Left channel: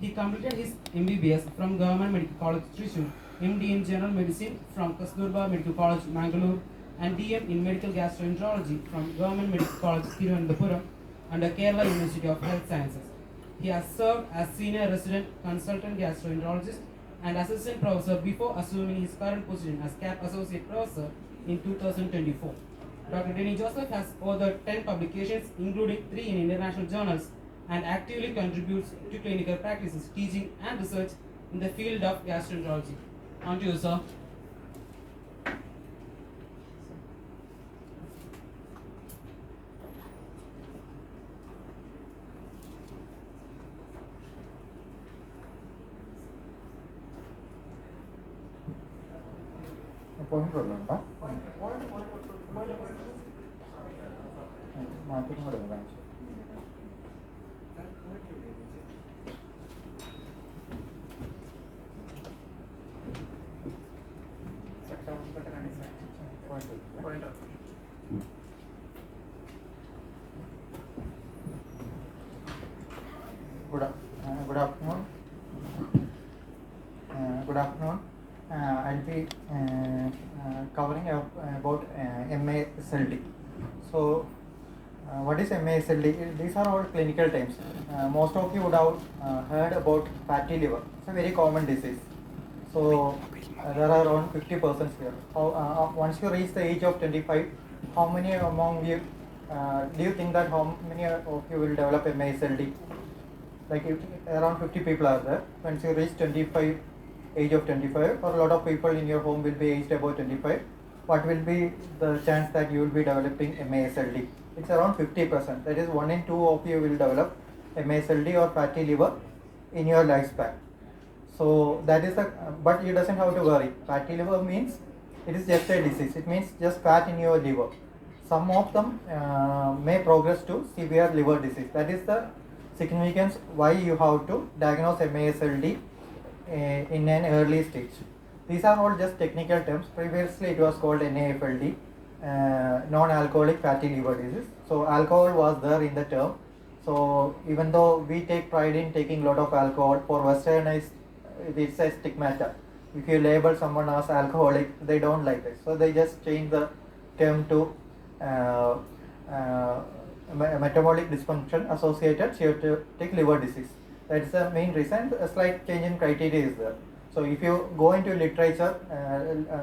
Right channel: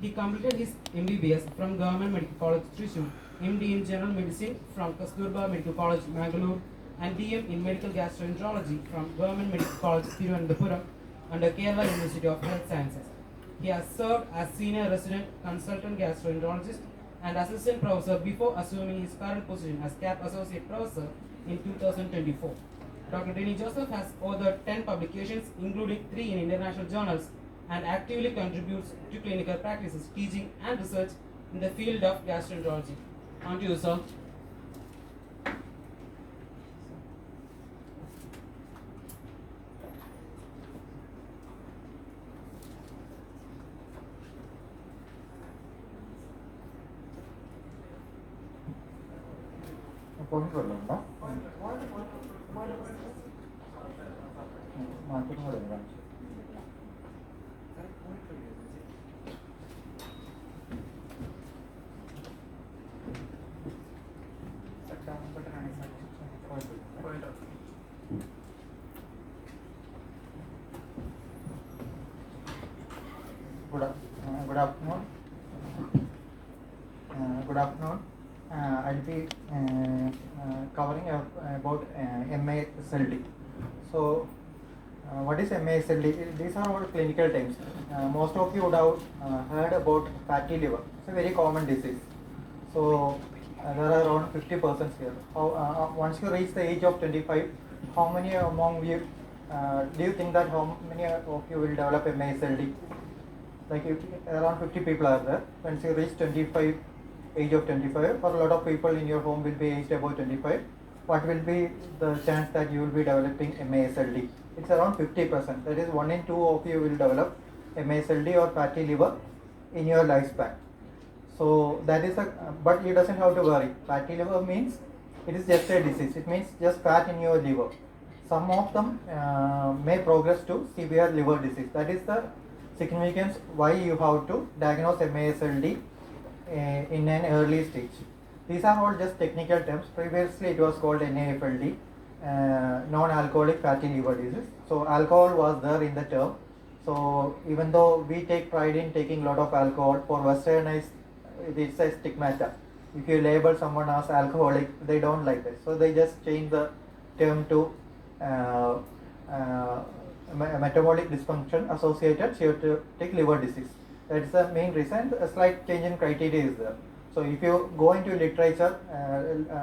He completed his MBBS from Government Medical College Thrissur, MD in General Medicine from Kasturba Medical College Mangalore, and DM in Medical Gastroenterology from Government Medical College Thiruvananthapuram under Kerala University of Health Sciences. He has served as Senior Resident Consultant Gastroenterologist and Assistant Professor before assuming his current position as CAP Associate Professor in 2024. Dr. Deni Joseph has authored 10 publications, including 3 in international journals, and actively contributes to clinical practices, teaching, and research in the field of gastroenterology. On to you, sir. Good afternoon. Good afternoon. I'll be covering about MASLD. So, what is MASLD? These are all clinical terms. Most of you would have heard about fatty liver. It's a very common disease. So, there are around 50 persons here. Once you reach the age of 25, how many among you do you think that how many of you will develop MASLD? Like around 50 people are there. Once you reach 25, age of 25, or a lot of people in your home will be aged about 25, what will be the chance that you will be developing MASLD? It's around 50%. That is 1 in 2 of you will develop MASLD or fatty liver in your lifespan. So that is but it doesn't have to worry. Fatty liver means it is just a disease. It means just fat in your liver. Some of them may progress to severe liver disease. That is the significance why you have to diagnose MASLD in an early stage. These are all just technical terms. Previously it was called NAFLD, non-alcoholic fatty liver disease. So alcohol was there in the term. So even though we take pride in taking a lot of alcohol, for westernized it's a stigmata. If you label someone as alcoholic, they don't like it. So they just change the term to metabolic dysfunction associated steatotic liver disease. That's the main reason. A slight change in criteria is there. So if you go into literature,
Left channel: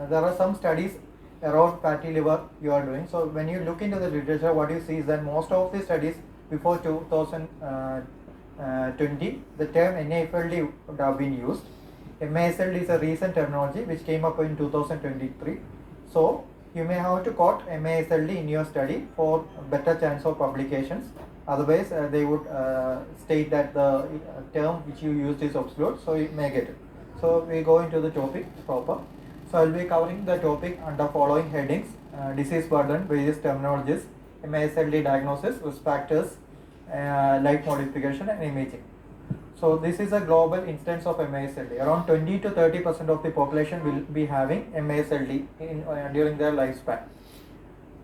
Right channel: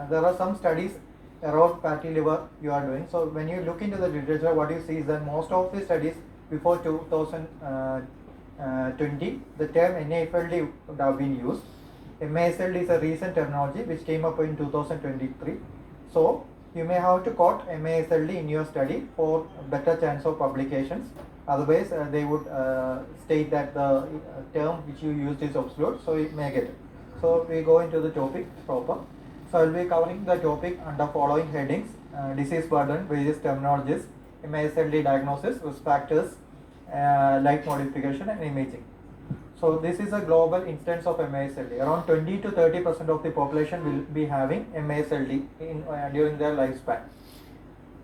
there are some studies around fatty liver you are doing. So when you look into the literature, what you see is that most of the studies before 2020, the term NAFLD would have been used. MASLD is a recent terminology which came up in 2023. So you may have to quote MASLD in your study for better chance of publications. Otherwise, they would state that the term which you used is obsolete, so you may get it. So we go into the topic proper. So I will be covering the topic under following headings: disease burden, various terminologies, MASLD diagnosis, risk factors, life modification, and imaging. So this is a global instance of MASLD. Around 20 to 30% of the population will be having MASLD during their lifespan.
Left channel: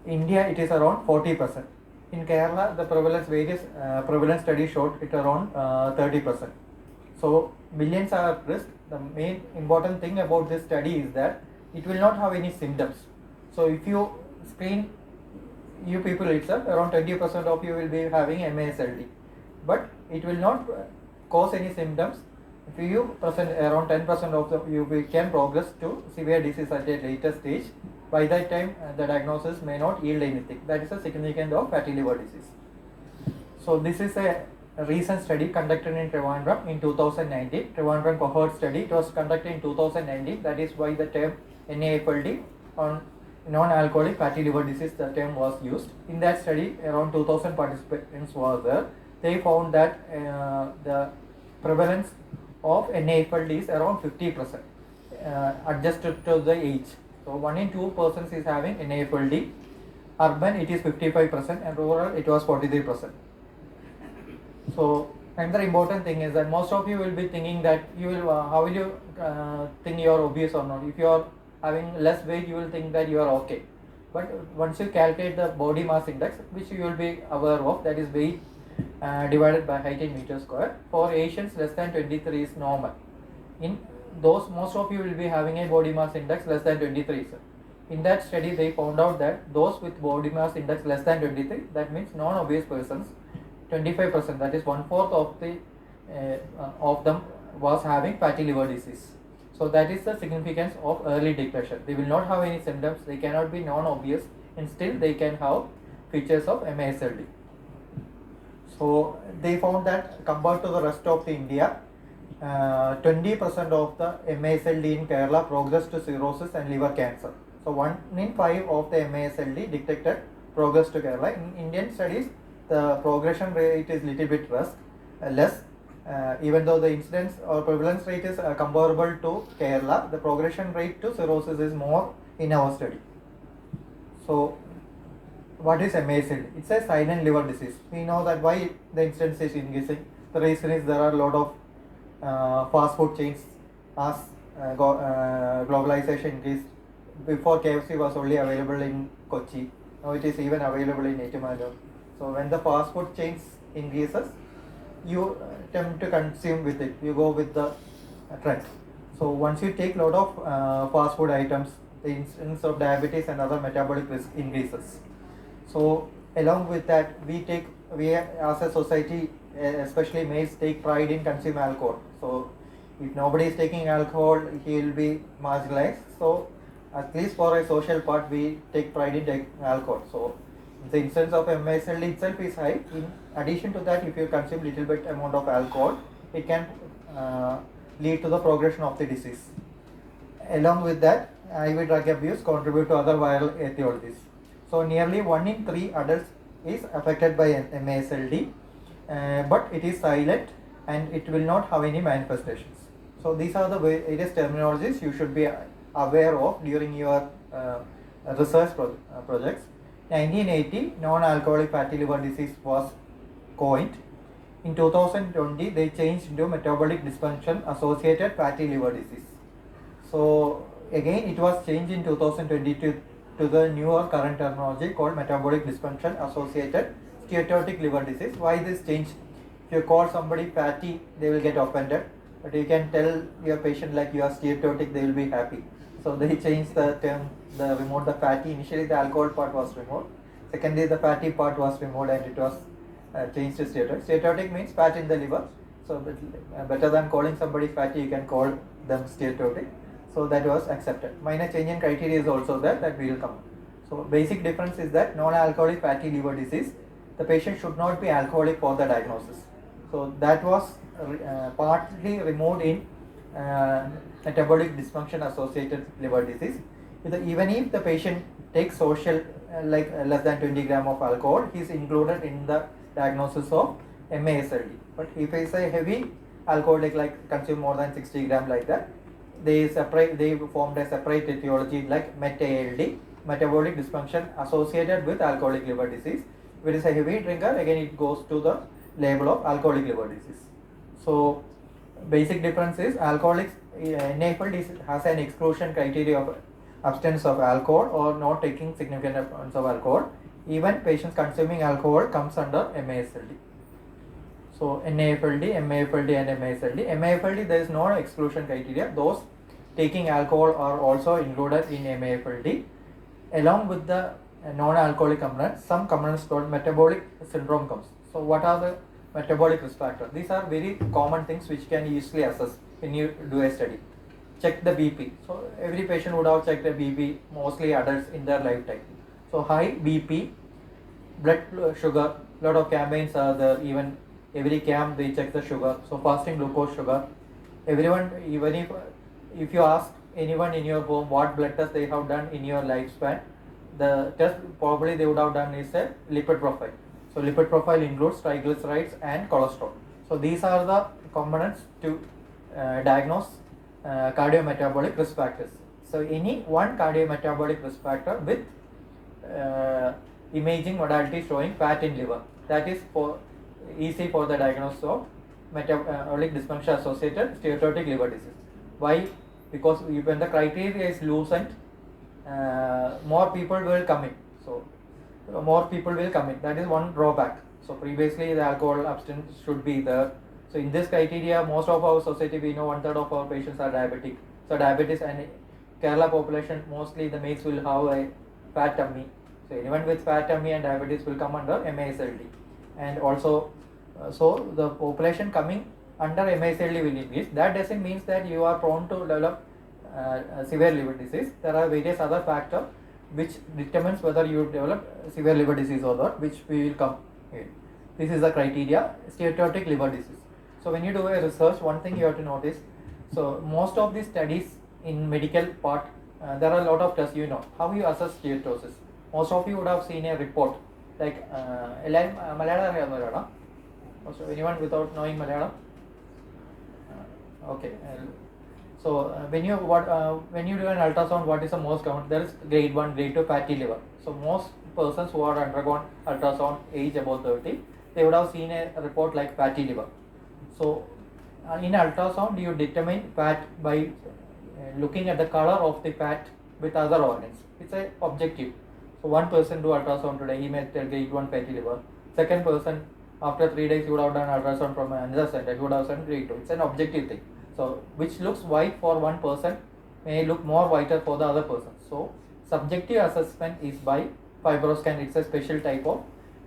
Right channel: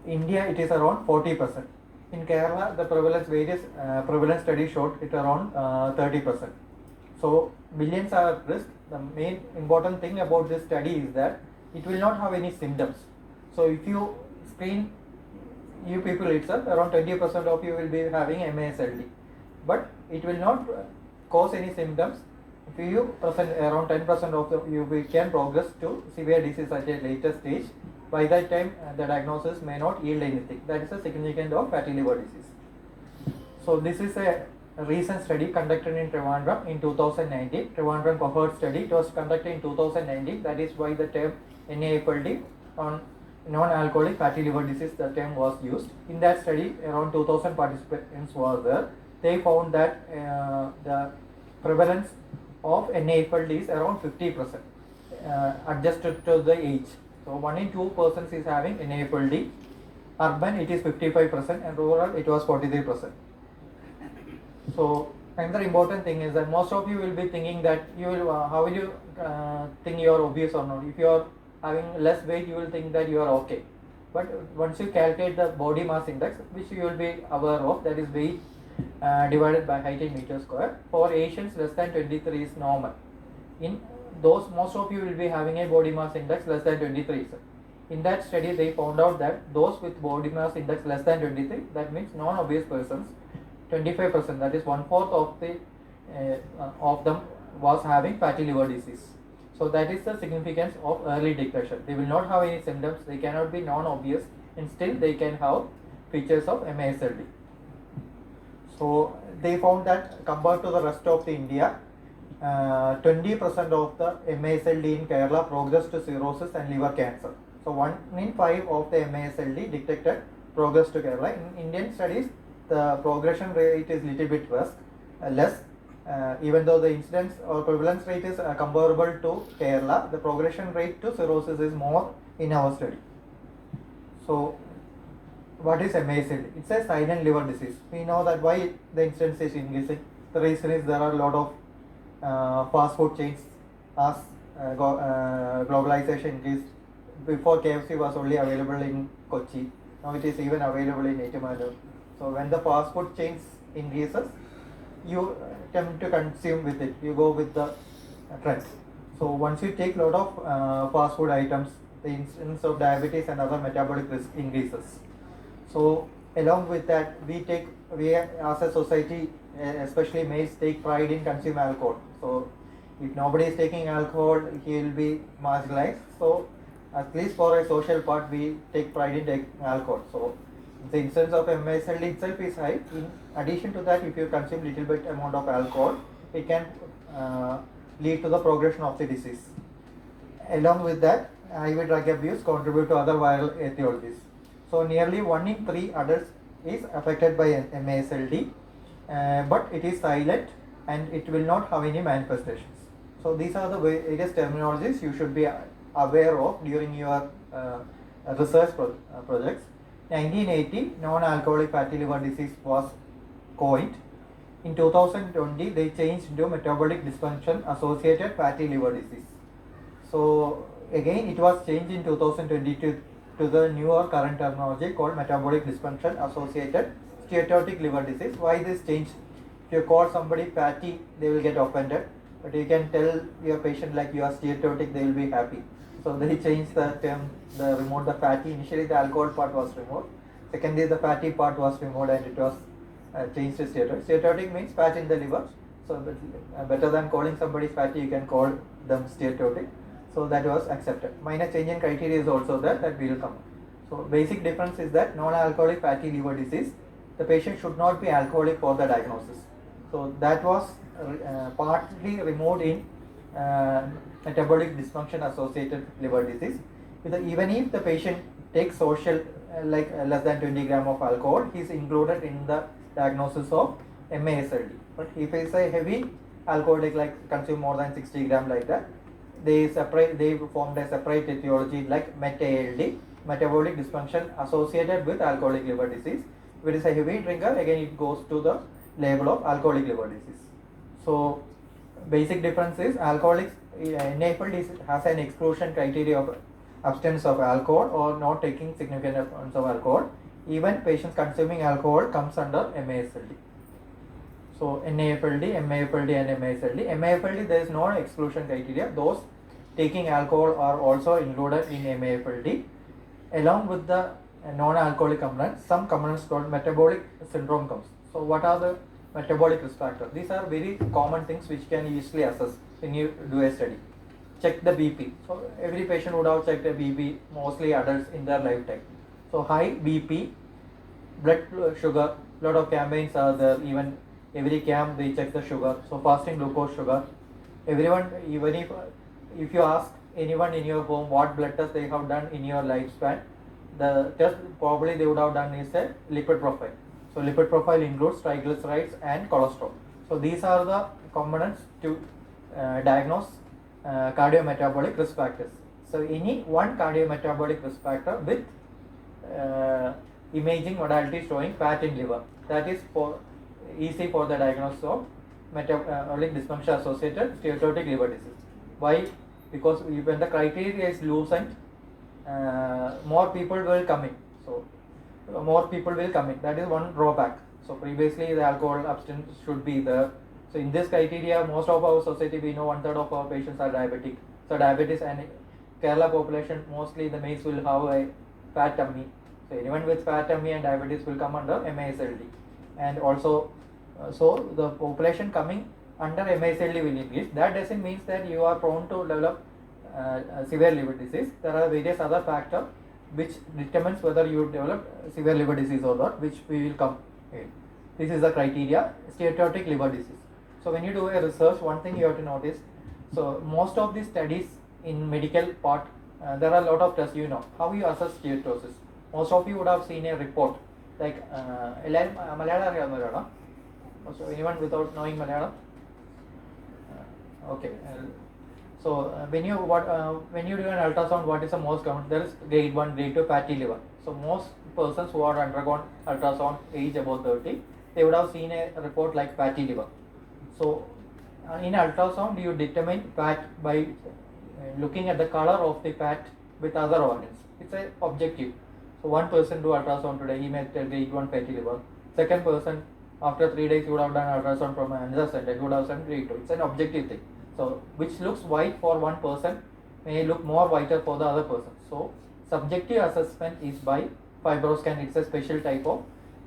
India, it is around 40%. In Kerala, the various prevalence studies showed it around 30%. So millions are at risk. The main important thing about this study is that it will not have any symptoms. So if you screen you people itself, around 20% of you will be having MASLD, but it will not cause any symptoms. If you present around 10% of you can progress to severe disease at a later stage. By that time, the diagnosis may not yield anything. That is the significance of fatty liver disease. So this is a recent study conducted in Trivandrum in 2019. Trivandrum cohort study. It was conducted in 2019. That is why the term NAFLD on non-alcoholic fatty liver disease, the term was used. In that study, around 2000 participants were there. They found that the prevalence of NAFLD is around 50%, adjusted to the age. So 1 in 2 persons is having NAFLD. Urban it is 55% and rural it was 43%. So another important thing is that most of you will be thinking that you will how will you think you are obese or not. If you are having less weight, you will think that you are okay. But once you calculate the body mass index, which you will be aware of, that is weight divided by height in meter square. For Asians, less than 23 is normal. In those, most of you will be having a body mass index less than 23. In that study, they found out that those with body mass index less than 23, that means non-obese persons, 25%, that is 1/4 of them was having fatty liver disease. So that is the significance of early depression. They will not have any symptoms, they cannot be non-obese, and still they can have features of MASLD. So they found that compared to the rest of the India, 20% of the MASLD in Kerala progressed to cirrhosis and liver cancer. So 1 in 5 of the MASLD detected progress to Kerala. In Indian studies, the progression rate is little bit less. Even though the incidence or prevalence rate is comparable to Kerala, the progression rate to cirrhosis is more in our study. So what is MASLD? It's a silent liver disease. We know that why the incidence is increasing. The reason is there are a lot of fast food chains as globalization increased. Before KFC was only available in Kochi, now it is even available in Etumanur. So when the fast food chains increases, you tend to consume with it, you go with the trend. So once you take lot of fast food items, the incidence of diabetes and other metabolic risk increases. So along with that, we as a society, especially males, take pride in consuming alcohol. So if nobody is taking alcohol, he will be marginalized. So at least for a social part, we take pride in taking alcohol. So the incidence of MASLD itself is high. In addition to that, if you consume little bit amount of alcohol, it can lead to the progression of the disease. Along with that, IV drug abuse contribute to other viral etiologies. So nearly 1 in 3 adults is affected by MASLD, but it is silent and it will not have any manifestations. So these are the various terminologies you should be aware of during your research projects. 1980, non-alcoholic fatty liver disease was coined. In 2020, they changed into metabolic dysfunction associated fatty liver disease. So again, it was changed in 2022 to the newer current terminology called metabolic dysfunction associated steatotic liver disease. Why this change? If you call somebody fatty, they will get offended. But you can tell your patient like you are steatotic, they will be happy. So they changed the term, removed the fatty. Initially the alcohol part was removed. Secondly, the fatty part was removed and it was changed to steatotic. Steatotic means fat in the liver. So better than calling somebody fatty, you can call them steatotic. So that was accepted. Minor change in criteria is also there, that we will come. So basic difference is that non-alcoholic fatty liver disease, the patient should not be alcoholic for the diagnosis. So that was partly removed in metabolic dysfunction associated liver disease. Even if the patient takes social like less than 20 gram of alcohol, he is included in the diagnosis of MASLD. But if he is a heavy alcoholic, like consume more than 60 gram like that, they formed a separate etiology like MET-ALD, metabolic dysfunction associated with alcoholic liver disease. If it is a heavy drinker, again it goes to the label of alcoholic liver disease. So basic difference is alcoholics NAFLD has an exclusion criteria of abstinence of alcohol or not taking significant amounts of alcohol. Even patients consuming alcohol comes under MASLD. So NAFLD, MAFLD and MASLD. MAFLD, there is no exclusion criteria. Those taking alcohol are also included in MAFLD. Along with the non-alcoholic components, some components called metabolic syndrome comes. So what are the metabolic risk factors? These are very common things which can easily assess when you do a study. Check the BP. So every patient would have checked a BP, mostly adults in their lifetime. So high BP, blood sugar, lot of campaigns are there. Even every camp they check the sugar. So fasting glucose sugar. Everyone, even if you ask anyone in your home what blood test they have done in your lifespan, the test probably they would have done is a lipid profile. So lipid profile includes triglycerides and cholesterol. So these are the components to diagnose cardiometabolic risk factors. So any one cardiometabolic risk factor with imaging modality showing fat in liver, that is easy for the diagnosis of metabolic dysfunction associated steatotic liver disease. Why? Because when the criteria is loosened, more people will come in. So more people will come in. That is one drawback. So previously the alcohol abstinence should be there. So in this criteria, most of our society, we know 1/3 of our patients are diabetic. So diabetes and Kerala population, mostly the males will have a fat tummy. So anyone with fat tummy and diabetes will come under MASLD. And also, so the population coming under MASLD will increase. That doesn't mean that you are prone to develop severe liver disease. There are various other factors which determines whether you develop severe liver disease or not, which we will come in. This is the criteria, steatotic liver disease. So when you do a research, one thing you have to notice, so most of the studies in medical part, there are a lot of tests, you know, how you assess steatosis. Most of you would have seen a report, like, Malayalam, also anyone without knowing Malayalam? Okay. So when you do an ultrasound, what is the most common? There is grade 1, grade 2 fatty liver. So most persons who are undergone ultrasound age about 30, they would have seen a report like fatty liver. So in ultrasound, you determine fat by looking at the color of the fat with other organs. It's a objective. So one person do ultrasound today, he may tell grade 1 fatty liver. Second person, after 3 days, he would have done ultrasound from another center, he would have done grade 2. It's an objective thing. So which looks white for one person may look more whiter for the other person. So subjective assessment is by fibroscan. It's a special type of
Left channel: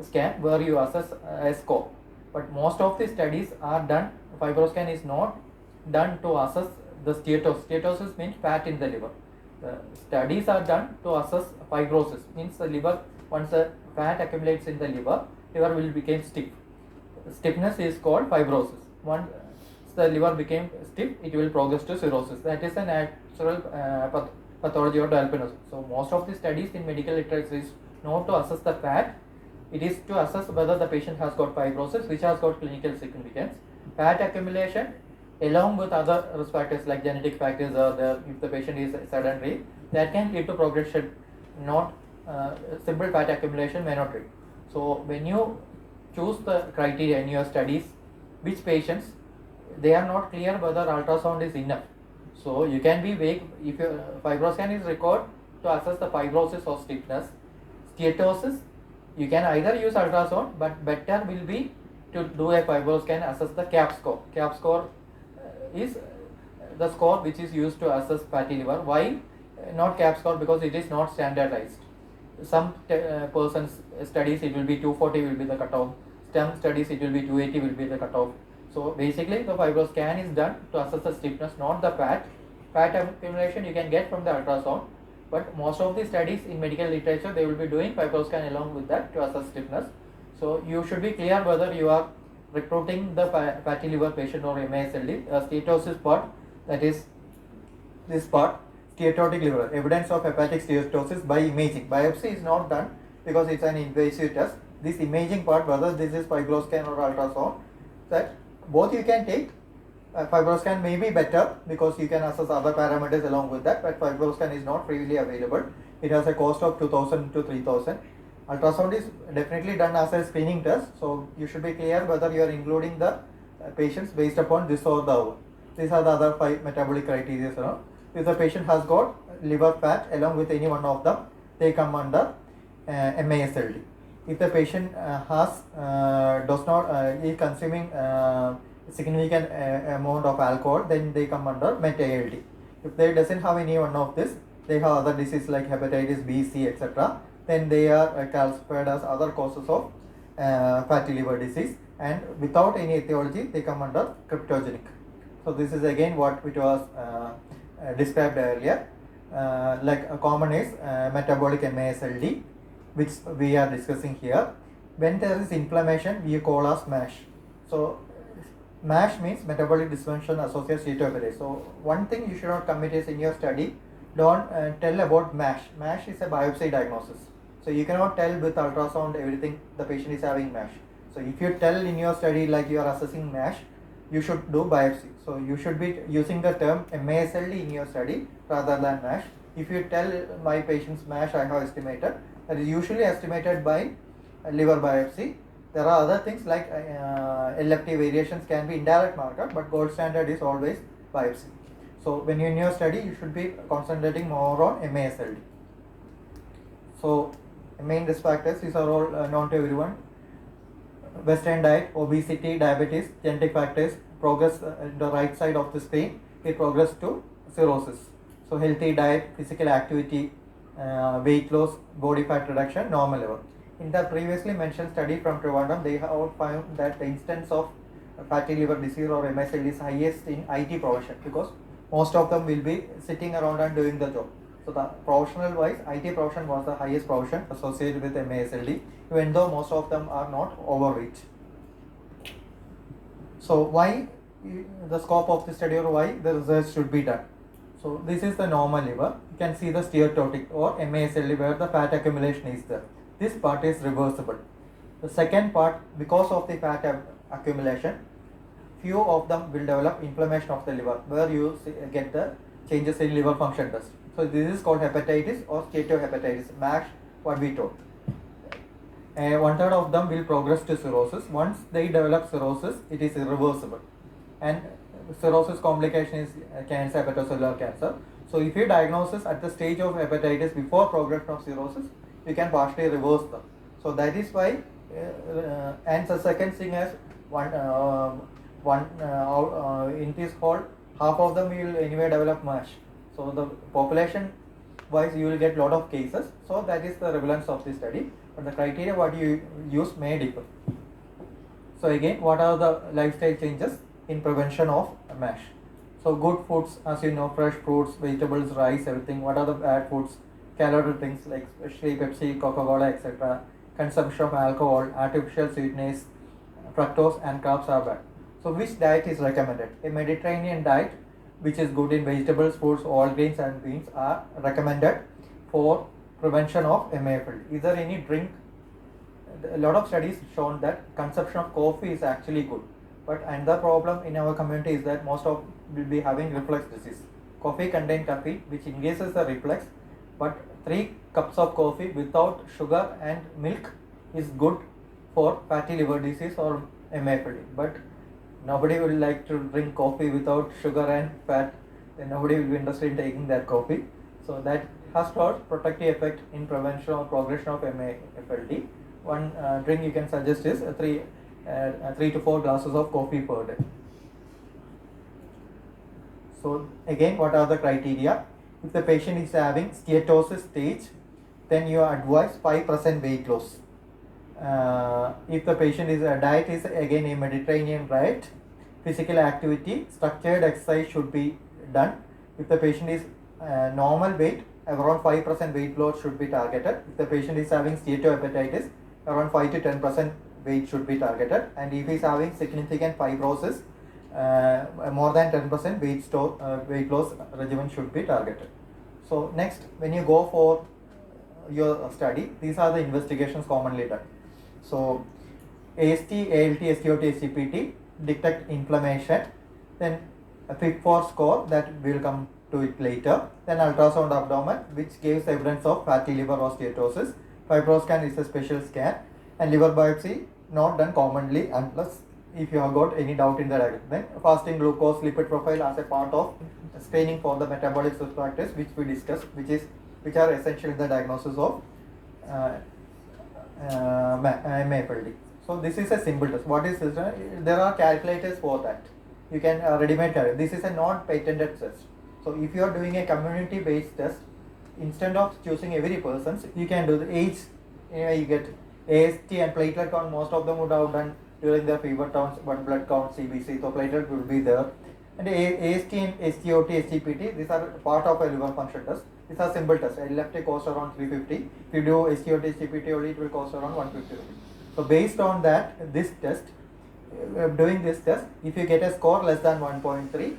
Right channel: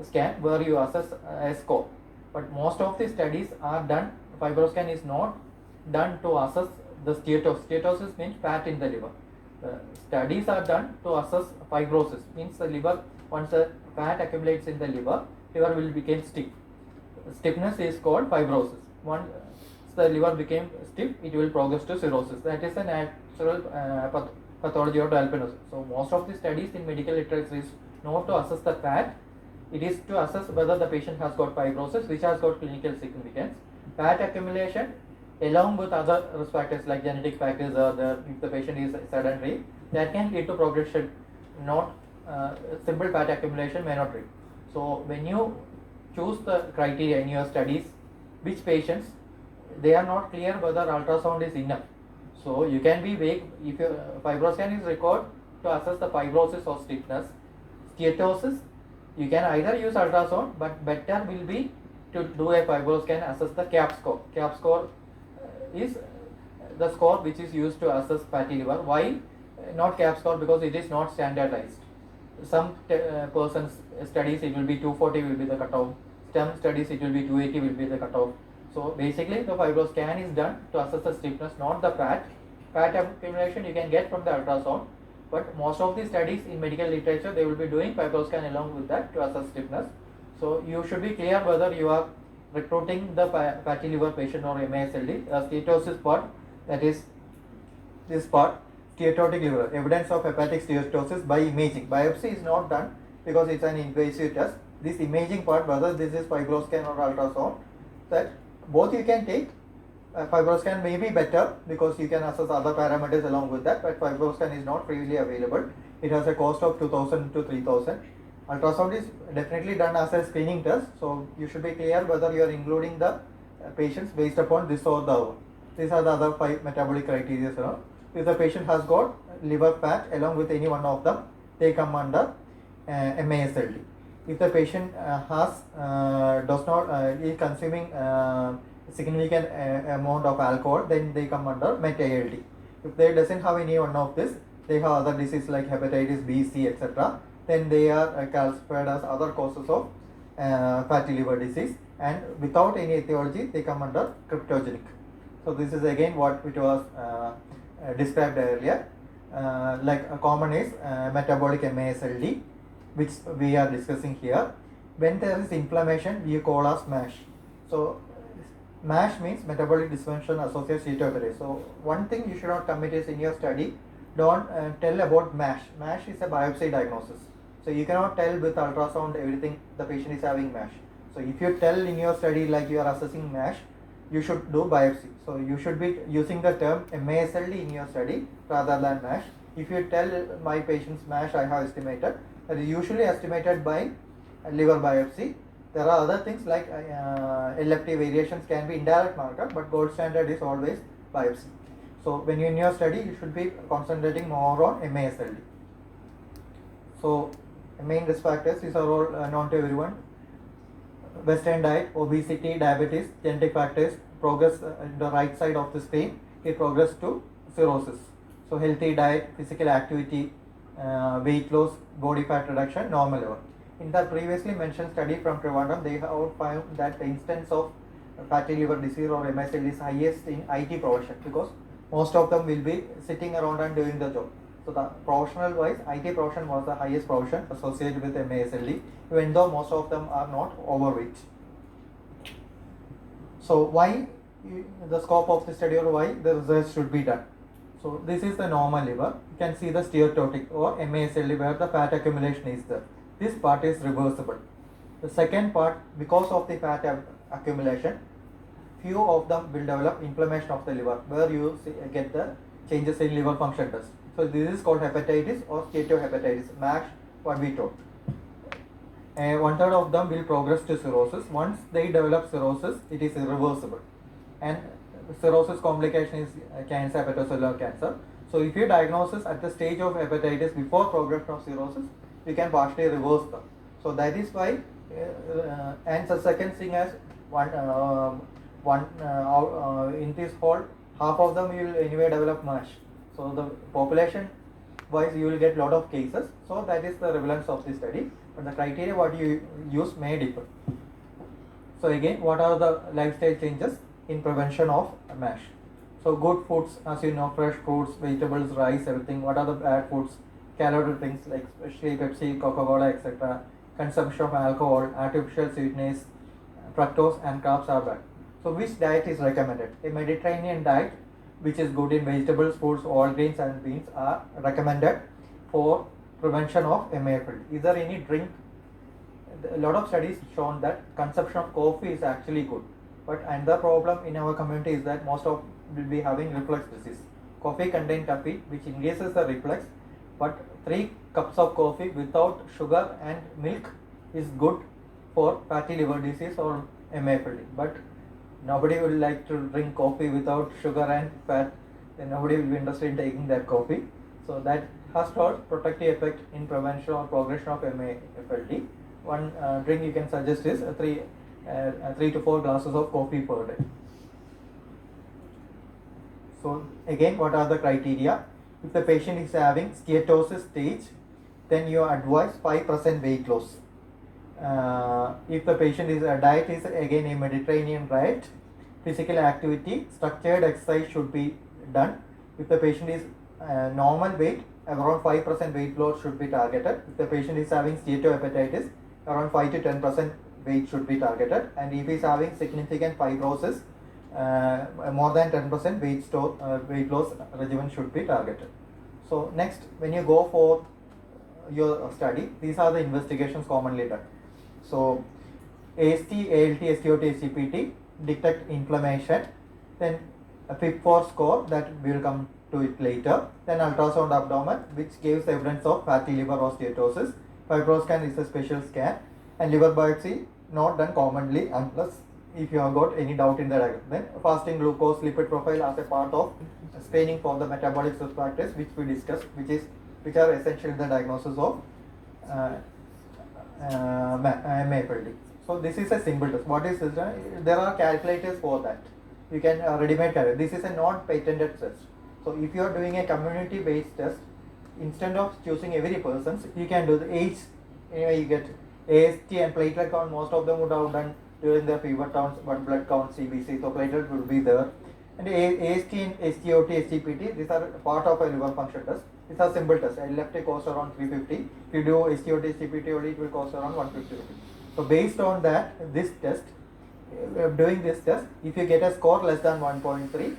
scan where you assess a score. But most of the studies are done, fibroscan is not done to assess the steatosis. Steatosis means fat in the liver. The studies are done to assess fibrosis, means the liver, once the fat accumulates in the liver will become stiff. Stiffness is called fibrosis. Once the liver became stiff, it will progress to cirrhosis. That is a natural pathology of albinism. So most of the studies in medical literature is not to assess the fat, it is to assess whether the patient has got fibrosis, which has got clinical significance. Fat accumulation along with other risk factors like genetic factors or if the patient is sedentary, that can lead to progression. Not simple fat accumulation may not lead. So when you choose the criteria in your studies, which patients, they are not clear whether ultrasound is enough. So you can be vague. If your fibroscan is required to assess the fibrosis or stiffness, steatosis, you can either use ultrasound, but better will be to do a fibroscan, assess the CAP score. CAP score is the score which is used to assess fatty liver. Why not CAP score? Because it is not standardized. Some persons studies it will be 240 will be the cutoff. Some studies it will be 280 will be the cutoff. So basically the fibroscan is done to assess the stiffness, not the fat. Fat accumulation you can get from the ultrasound, but most of the studies in medical literature they will be doing fibroscan along with that to assess stiffness. So you should be clear whether you are recruiting the fatty liver patient or MASLD. Steatosis part, that is this part, steatotic liver, evidence of hepatic steatosis by imaging. Biopsy is not done because it's an invasive test. This imaging part, whether this is fibroscan or ultrasound, that both you can take. Fibroscan may be better because you can assess other parameters along with that, but fibroscan is not freely available. It has a cost of 2,000 to 3,000. Ultrasound is definitely done as a screening test, so you should be clear whether you are including the patients based upon this or the other. These are the other 5 metabolic criteria. If the patient has got liver fat along with any one of them, they come under MASLD. If the patient does not is consuming significant amount of alcohol, then they come under MetALD. If they doesn't have any one of this, they have other diseases like hepatitis B, C, etc., then they are classified as other causes of fatty liver disease, and without any etiology they come under cryptogenic. So this is again what it was described earlier. Like a common is metabolic MASLD, which we are discussing here. When there is inflammation, we call as MASH. So MASH means metabolic dysfunction associated steatohepatitis. So one thing you should not commit is in your study, don't tell about MASH. MASH is a biopsy diagnosis. So you cannot tell with ultrasound everything the patient is having MASH. So if you tell in your study like you are assessing MASH, you should do biopsy. So you should be using the term MASLD in your study rather than MASH. If you tell my patient's MASH I have estimated, that is usually estimated by liver biopsy. There are other things like LFT variations can be indirect marker, but gold standard is always biopsy. So when you in your study, you should be concentrating more on MASLD. So main risk factors, these are all known to everyone. Western diet, obesity, diabetes, genetic factors, progress in the right side of the screen, it progress to cirrhosis. So healthy diet, physical activity, weight loss, body fat reduction, normal level. In the previously mentioned study from Trivandrum, they have found that the instance of fatty liver disease or MSL is highest in IT profession, because most of them will be sitting around and doing the job. So the professional wise, IT profession was the highest profession associated with MASLD, even though most of them are not overweight. So why the scope of the study, or why the research should be done? So this is the normal liver. You can see the steatotic or MASLD, where the fat accumulation is there. This part is reversible. The second part, because of the fat accumulation, few of them will develop inflammation of the liver, where you get the changes in liver function test. So this is called hepatitis or steatohepatitis, MASH, what we told. 1/3 of them will progress to cirrhosis. Once they develop cirrhosis, it is irreversible. And cirrhosis complication is cancer, hepatocellular cancer. So if you diagnose at the stage of hepatitis before progression of cirrhosis, we can partially reverse them. So that is why, and the second thing is in this whole, half of them will anyway develop MASH. So the population wise you will get lot of cases. So that is the relevance of this study. But the criteria what you use may differ. So again, what are the lifestyle changes in prevention of MASH? So good foods, as you know, fresh fruits, vegetables, rice, everything. What are the bad foods? Calorie things like especially Pepsi, Coca-Cola, etc. Consumption of alcohol, artificial sweetness, fructose and carbs are bad. So which diet is recommended? A Mediterranean diet, which is good in vegetables, fruits, all grains and beans, are recommended for prevention of MAFLD. Is there any drink? A lot of studies shown that consumption of coffee is actually good. But another problem in our community is that most of will be having reflux disease. Coffee contains caffeine, which increases the reflux. But 3 cups of coffee without sugar and milk is good for fatty liver disease or MAFLD. But nobody will like to drink coffee without sugar and fat, and nobody will be interested in taking that coffee. So that has got protective effect in prevention or progression of MAFLD. One drink you can suggest is 3 to 4 glasses of coffee per day. So again, what are the criteria? If the patient is having steatosis stage, then you advise 5% weight loss. If the patient is diet is again a Mediterranean diet, physical activity, structured exercise should be done. If the patient is normal weight, around 5% weight loss should be targeted. If the patient is having steatohepatitis, around 5 to 10% weight should be targeted. And if he is having significant fibrosis, more than 10% weight loss regimen should be targeted. So next, when you go for your study, these are the investigations commonly done. So AST, ALT, STOT, SGPT detect inflammation, then a FIB4 score that will come to it later, then ultrasound abdomen, which gives evidence of fatty liver or steatosis. Fibroscan is a special scan, and liver biopsy not done commonly unless if you have got any doubt in the diagnosis. Then fasting glucose, lipid profile as a part of screening for the metabolic risk factors, which we discussed, which are essential in the diagnosis of MAFLD. So this is a simple test. What is this? There are calculators for that. You can ready-made calculator. This is a non-patented test. So if you are doing a community-based test, instead of choosing every person, you can do the age. You get AST and platelet count. Most of them would have done during their fever counts, but blood count, CBC. So platelet will be there. And AST and STOT, SGPT, these are part of a liver function test. These are simple tests. LFT costs around 350. If you do STOT, SGPT only, it will cost around 150 rupees. So based on that, this test, doing this test, if you get a score less than 1.3,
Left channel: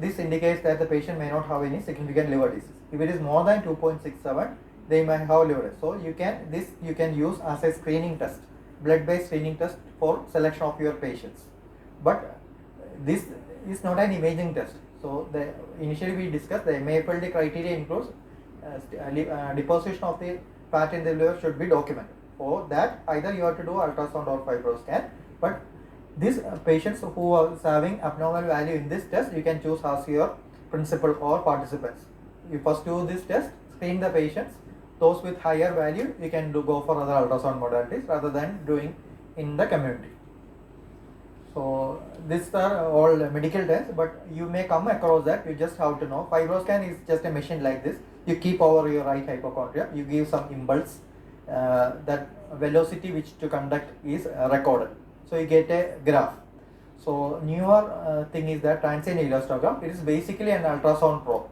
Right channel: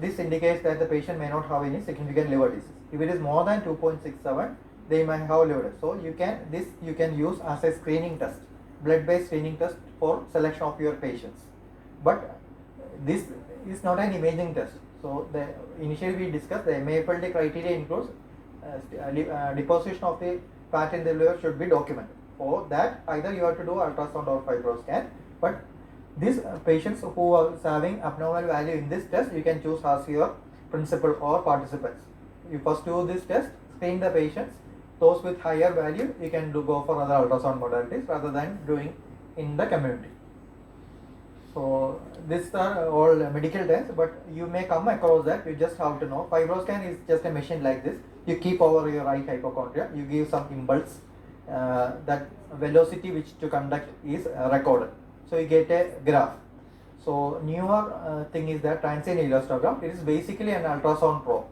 this indicates that the patient may not have any significant liver disease. If it is more than 2.67, they might have liver disease. So you can use as a screening test, blood-based screening test for selection of your patients. But this is not an imaging test. So initially we discussed the MAFLD criteria includes deposition of the fat in the liver should be documented. For that, either you have to do ultrasound or fibroscan. But these patients who are having abnormal value in this test, you can choose as your principal or participants. You first do this test, screen the patients. Those with higher value, you can go for other ultrasound modalities rather than doing in the community. So these are all medical terms, but you may come across that. You just have to know. FibroScan is just a machine like this. You keep over your right hypochondria. You give some impulse. That velocity which to conduct is recorded. So you get a graph. So newer thing is that transient elastogram. It is basically an ultrasound probe.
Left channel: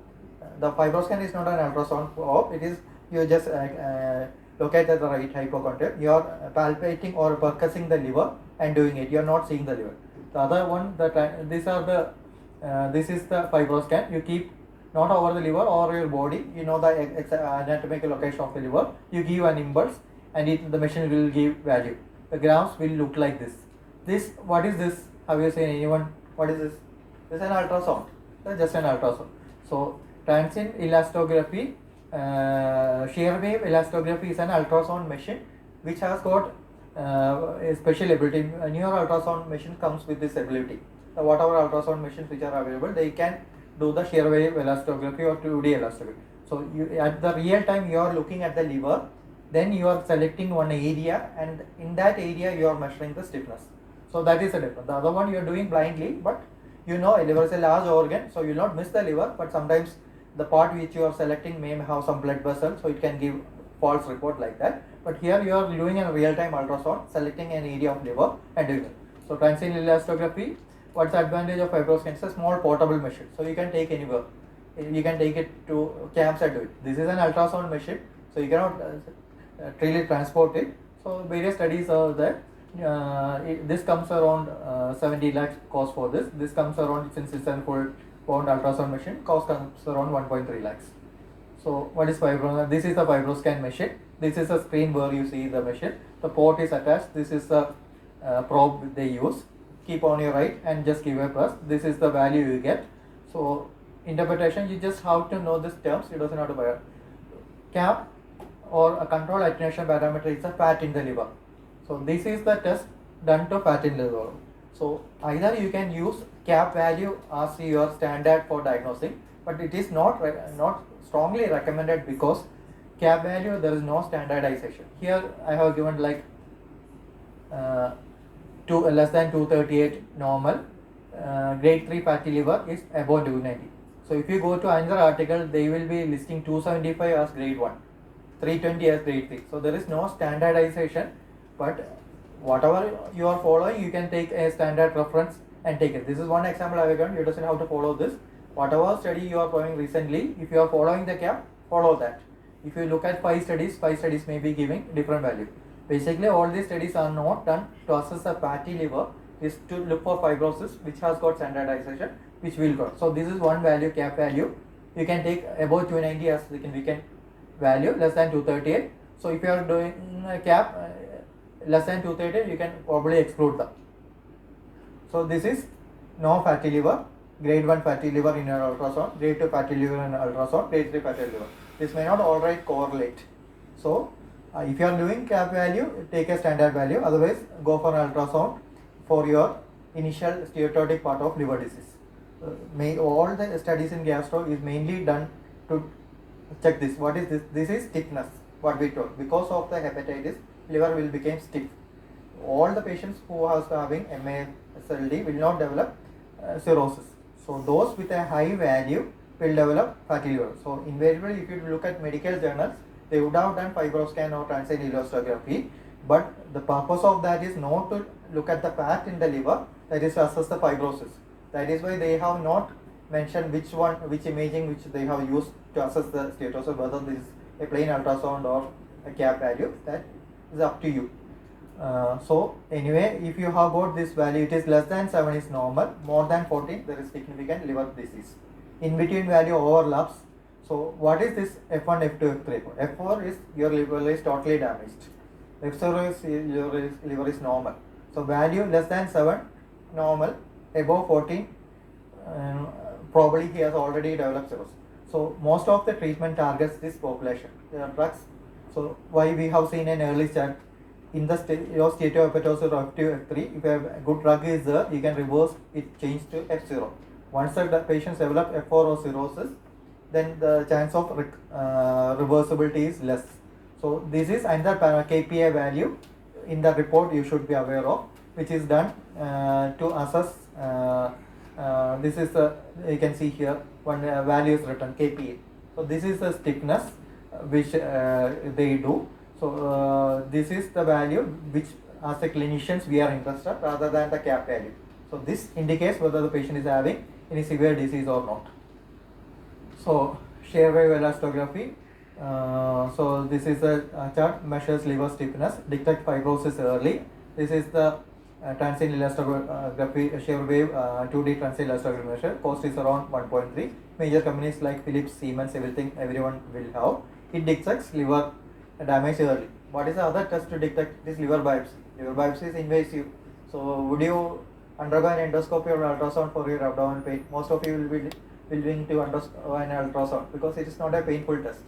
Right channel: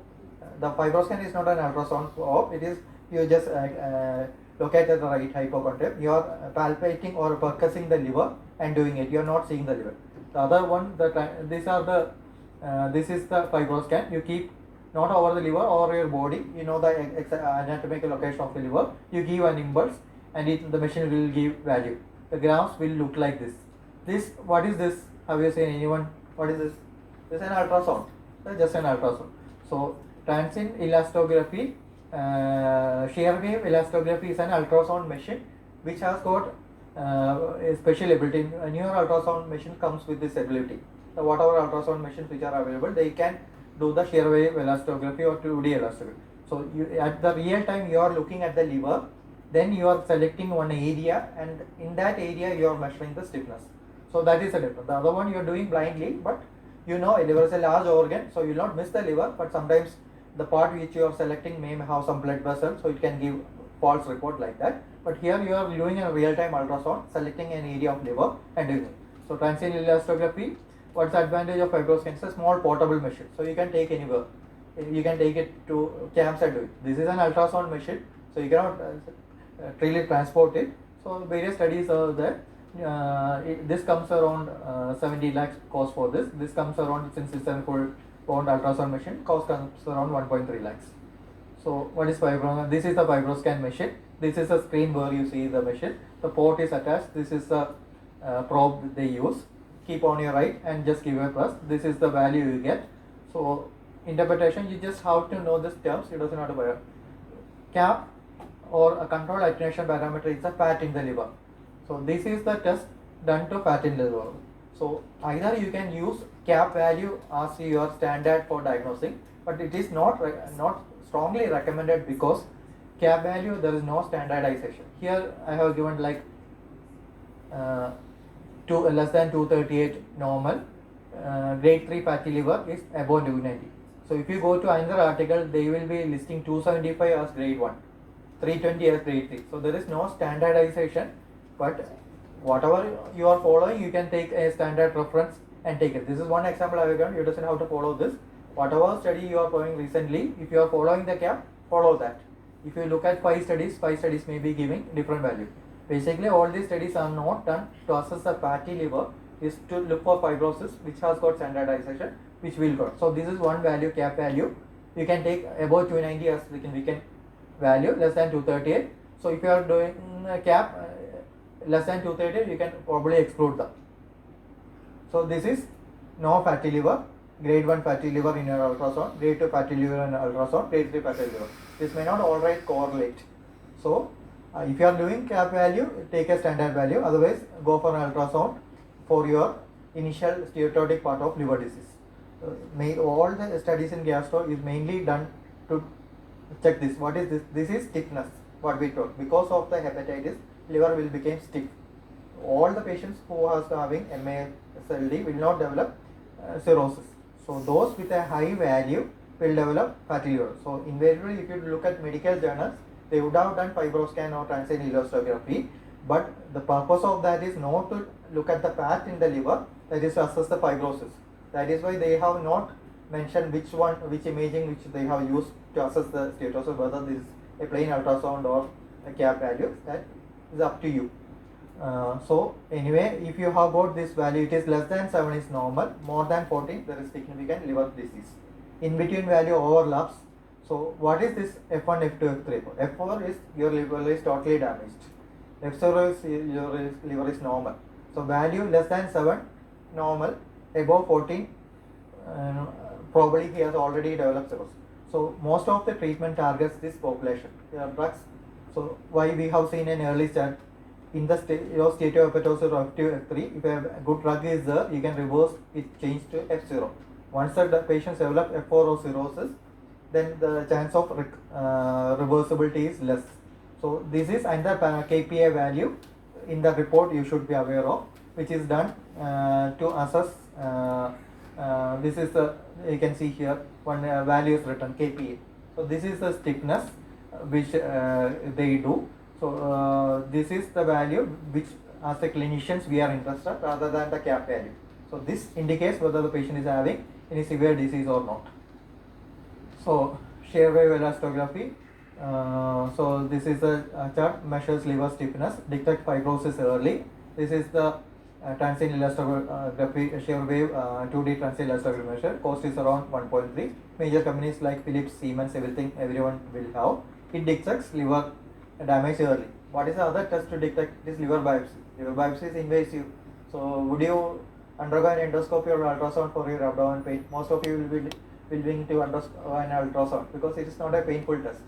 The FibroScan is not an ultrasound probe. It is you just locate at the right hypochondria. You are palpating or percussing the liver and doing it. You are not seeing the liver. The other one, these are the this is the FibroScan. You keep not over the liver or your body. You know the anatomical location of the liver. You give an impulse, and the machine will give value. The graphs will look like this. This what is this? Have you seen anyone? What is this? This is an ultrasound. That's just an ultrasound. So transient elastography. Shear wave elastography is an ultrasound machine which has got a special ability. A newer ultrasound machine comes with this ability. Whatever ultrasound machines which are available, they can do the shear wave elastography or 2D elastography. So you, at the real time you are looking at the liver, then you are selecting one area, and in that area you are measuring the stiffness. So that is a difference. The other one you are doing blindly, but you know liver is a large organ, so you will not miss the liver, but sometimes the part which you are selecting may have some blood vessel, so it can give false report like that. But here you are doing a real-time ultrasound, selecting an area of liver and doing it. So transient elastography, what's the advantage of FibroScan? It's a small portable machine, so you can take anywhere. You can take it to camps and do it. This is an ultrasound machine, so you cannot really transport it. So various studies are there. This comes around 70 lakhs cost for this. This comes around, since it's a full pound ultrasound machine, cost comes around 1.3 lakhs. So what is FibroScan? This is the FibroScan machine. This is a screen where you see the machine. The port is attached. This is the probe they use. Keep on your right and just give a press. This is the value you get. So interpretation, you just have to know these terms. You doesn't have to buy a cap or a control attenuation parameter is a fat in the liver. So this is the test done to fat in the liver. So either you can use cap value as your standard for diagnosing, but it is not strongly recommended because cap value there is no standardization. Here I have given like less than 238 normal, grade 3 fatty liver is above 290. So if you go to another article, they will be listing 275 as grade 1, 320 as grade 3. So there is no standardization, but whatever you are following, you can take a standard reference and take it. This is one example I have given. You doesn't have to follow this. Whatever study you are following recently, if you are following the cap, follow that. If you look at 5 studies may be giving different value. Basically, all these studies are not done to assess the fatty liver, is to look for fibrosis which has got standardization, which will got. So this is one value, cap value. You can take above 290 as we can value, less than 238. So if you are doing a cap less than 238, you can probably exclude them. So this is no fatty liver, grade 1 fatty liver in your ultrasound, grade 2 fatty liver in ultrasound, grade 3 fatty liver. This may not alright correlate. So if you are doing cap value, take a standard value, otherwise go for an ultrasound for your initial steatotic part of liver disease. All the studies in gastro is mainly done to check this. What is this? This is stiffness, what we told. Because of the hepatitis, liver will become stiff. All the patients who are having MASLD will not develop cirrhosis. So those with a high value will develop fatty liver. So invariably, if you look at medical journals, they would have done FibroScan or transient elastography, but the purpose of that is not to look at the fat in the liver, that is to assess the fibrosis. That is why they have not mentioned which imaging which they have used to assess the status, whether this is a plain ultrasound or a cap value. That is up to you. So anyway, if you have got this value, it is less than 7 is normal, more than 14 there is significant liver disease. In between value overlaps. So what is this F1, F2, F3? F4 is your liver is totally damaged. F0 is your liver is normal. So value less than 7 normal, above 14 probably he has already developed cirrhosis. So most of the treatment targets this population. There are drugs. So why we have seen an early start in the steatohepatosis or F2, F3, if a good drug is there, you can reverse it, change to F0. Once the patients develop F4 or cirrhosis, then the chance of reversibility is less. So this is another KPI value in the report you should be aware of, which is done to assess. This is the, you can see here one value is written KPA. So this is the stiffness which they do. So this is the value which as a clinicians we are interested rather than the cap value. So this indicates whether the patient is having any severe disease or not. So shear wave elastography. So this is a chart, measures liver stiffness, detect fibrosis early. This is the transient elastography shear wave 2D transient elastography measure. Cost is around 1.3. Major companies like Philips, Siemens, everyone will have. It detects liver damage early. What is the other test to detect? This liver biopsy. Liver biopsy is invasive. So would you undergo an endoscopy or ultrasound for your abdominal pain? Most of you will be willing to undergo an ultrasound because it is not a painful test.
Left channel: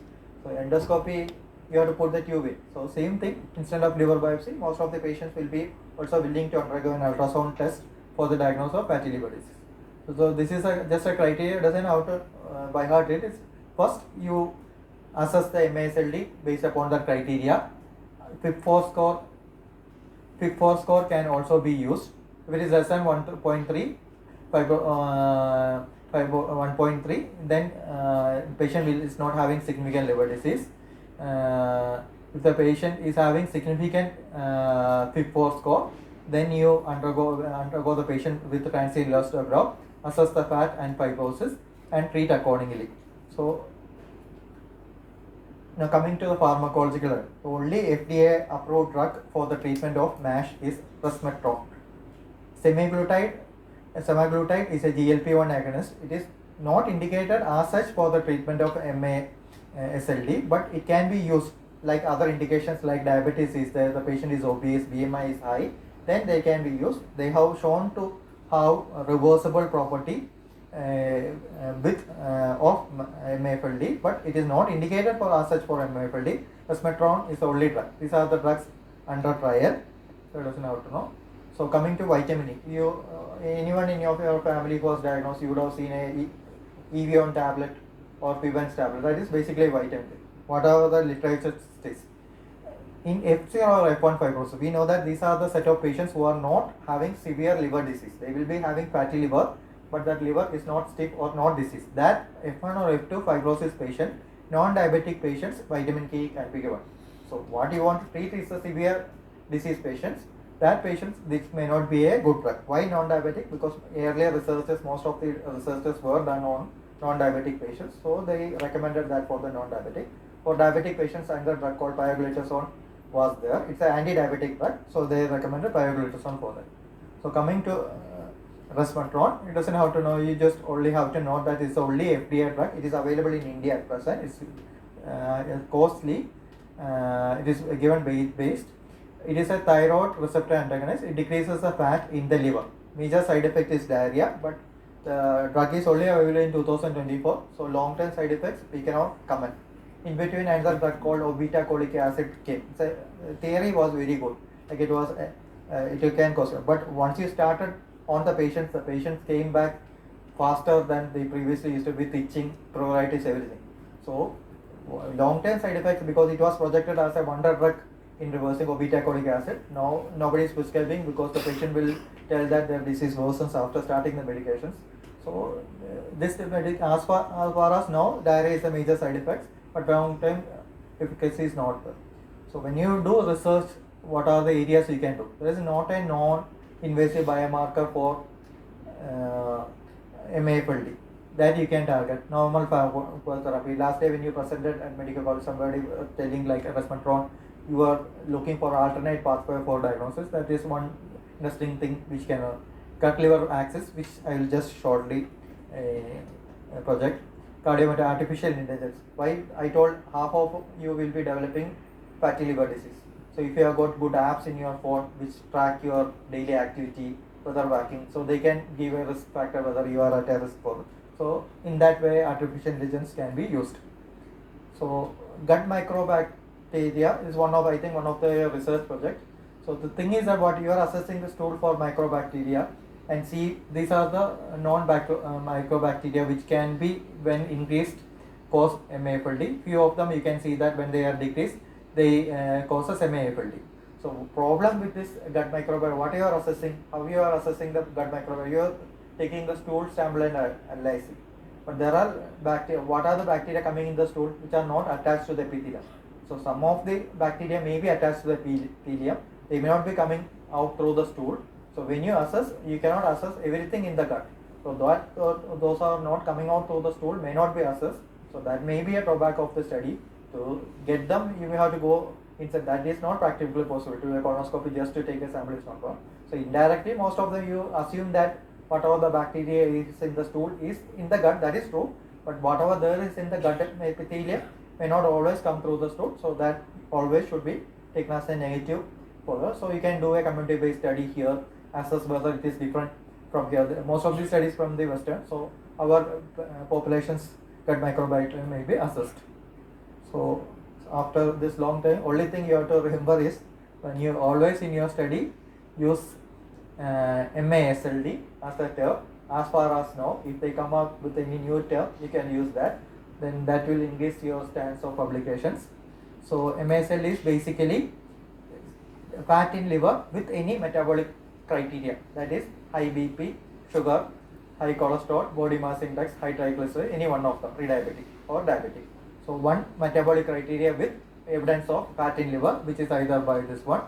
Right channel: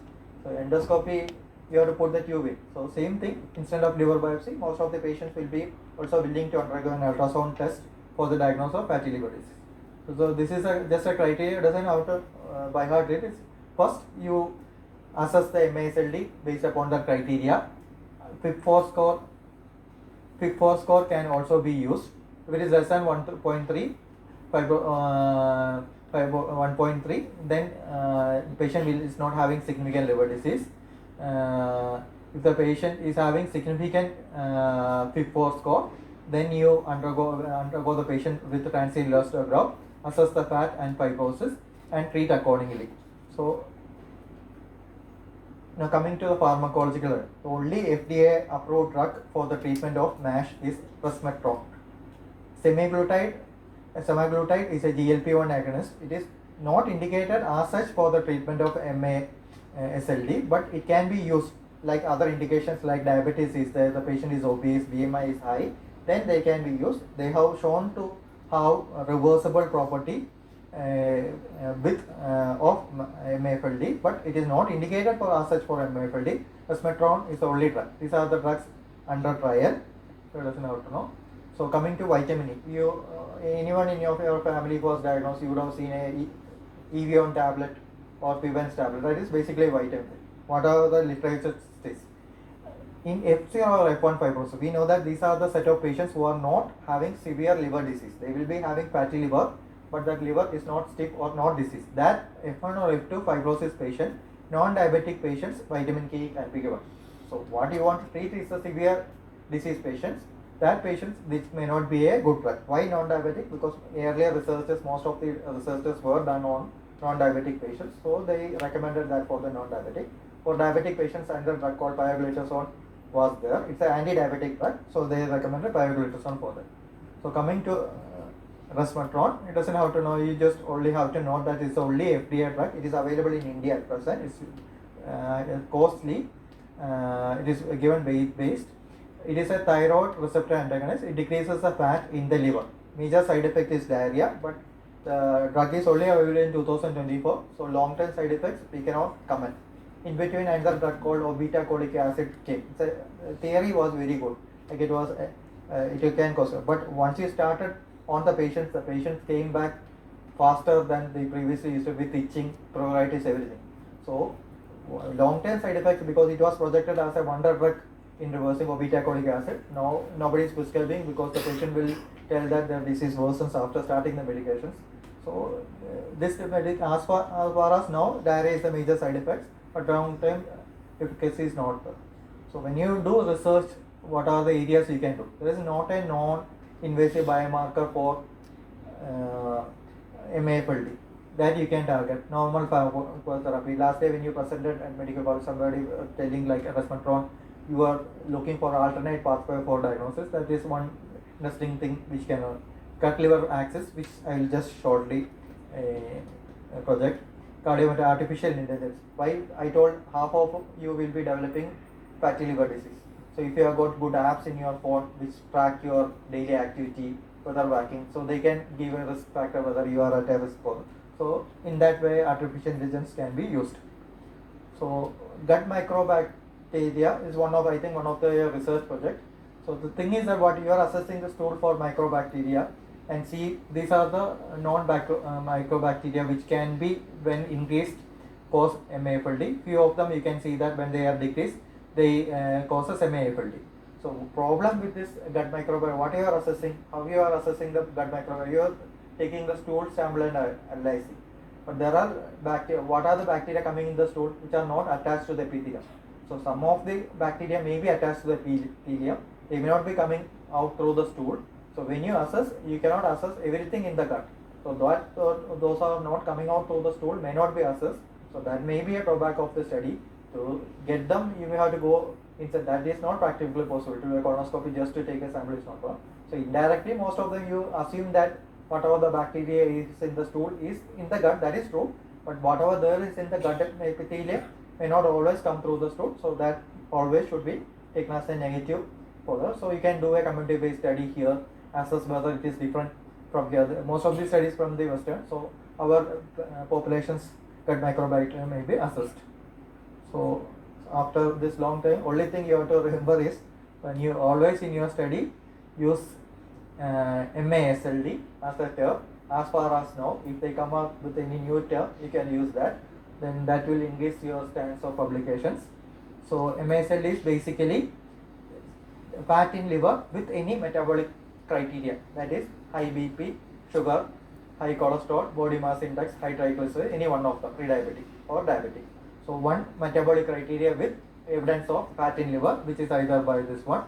So endoscopy, you have to put the tube in. So same thing, instead of liver biopsy, most of the patients will be also willing to undergo an ultrasound test for the diagnosis of fatty liver disease. So this is just a criteria. Doesn't have to by heart it is. First you assess the MASLD based upon the criteria. FIB4 score can also be used. If it is less than 1.3, 1.3, then patient is not having significant liver disease. If the patient is having significant FIB4 score, then you undergo the patient with transient elastograph, assess the fat and fibrosis, and treat accordingly. So now coming to the pharmacological, the only FDA approved drug for the treatment of MASH is resmetirom. Semaglutide is a GLP-1 agonist. It is not indicated as such for the treatment of MASLD, but it can be used like other indications like diabetes is there, the patient is obese, BMI is high, then they can be used. They have shown to have a reversible property with of MAFLD, but it is not indicated for as such for MAFLD. Resmetirom is the only drug. These are the drugs under trial. So it doesn't have to know. So coming to vitamin E, you anyone in your family who was diagnosed, you would have seen a Evion tablet or Pivens tablet. That is basically vitamin E. Whatever the literature says. In F0 or F1 fibrosis, we know that these are the set of patients who are not having severe liver disease. They will be having fatty liver, but that liver is not stiff or not diseased. That F1 or F2 fibrosis patient, non-diabetic patients, vitamin K can be given. So what you want to treat is the severe disease patients. That patients, this may not be a good drug. Why non-diabetic? Because earlier researches, most of the researches were done on non-diabetic patients. So they recommended that for the non-diabetic. For diabetic patients, another drug called pioglitazone was there. It's an anti-diabetic drug. So they recommended pioglitazone for that. So coming to resmetirom, it doesn't have to know, you just only have to know that it's only FDA drug. It is available in India at present. It's costly. It is given based. It is a thyroid receptor antagonist. It decreases the fat in the liver. Major side effect is diarrhea, but the drug is only available in 2024. So long-term side effects we cannot comment. In between, another drug called obeticholic acid came. The theory was very good. Like it was, it can cause. But once you started on the patients came back faster than they previously used to with itching, pruritus, everything. So long-term side effects, because it was projected as a wonder drug in reversing obeticholic acid. Now nobody is prescribing because the patient will tell that the disease worsens after starting the medications. So this as far as now, diarrhea is the major side effects, but long-term efficacy is not there. So when you do research, what are the areas you can do? There is not a non-invasive biomarker for MAFLD that you can target. Normal therapy. Last day when you presented at medical college, somebody telling like resmetirom, you are looking for alternate pathway for diagnosis. That is one interesting thing which can work. Cut liver axis, which I will just shortly project. Cardiometabolic artificial intelligence. Why I told half of you will be developing fatty liver disease. So if you have got good apps in your phone which track your daily activity, whether working, so they can give a risk factor whether you are at a risk for. So in that way, artificial intelligence can be used. So gut microbacteria is one of the research projects. So the thing is that what you are assessing the stool for microbacteria and see these are the microbacteria which can be when increased cause MAFLD. Few of them you can see that when they are decreased they causes MAFLD. So problem with this gut microbiome, what you are assessing, how you are assessing the gut microbiome, you are taking the stool sample and analyzing. But there are bacteria, what are the bacteria coming in the stool which are not attached to the epithelium? So some of the bacteria may be attached to the epithelium, they may not be coming out through the stool. So when you assess, you cannot assess everything in the gut. So that, those are not coming out through the stool may not be assessed. So that may be a drawback of the study. To get them, you may have to go inside. That is not practically possible to do a colonoscopy just to take a sample is not one. So indirectly, most of them you assume that whatever the bacteria is in the stool is in the gut. That is true. But whatever there is in the gut epithelium may not always come through the stool. So that always should be taken as a negative for us. So you can do a community-based study here, assess whether it is different from here. Most of these studies from the Western. So our population's gut microbiome may be assessed. So after this long time, only thing you have to remember is when you always in your study use MASLD as a term. As far as now, if they come up with any new term, you can use that. Then that will increase your chance of publications. So MASLD is basically fat in liver with any metabolic criteria. That is high BP, sugar, high cholesterol, body mass index, high triglyceride, any one of them, pre-diabetic or diabetic. So one metabolic criteria with evidence of fat in liver, which is either by this one.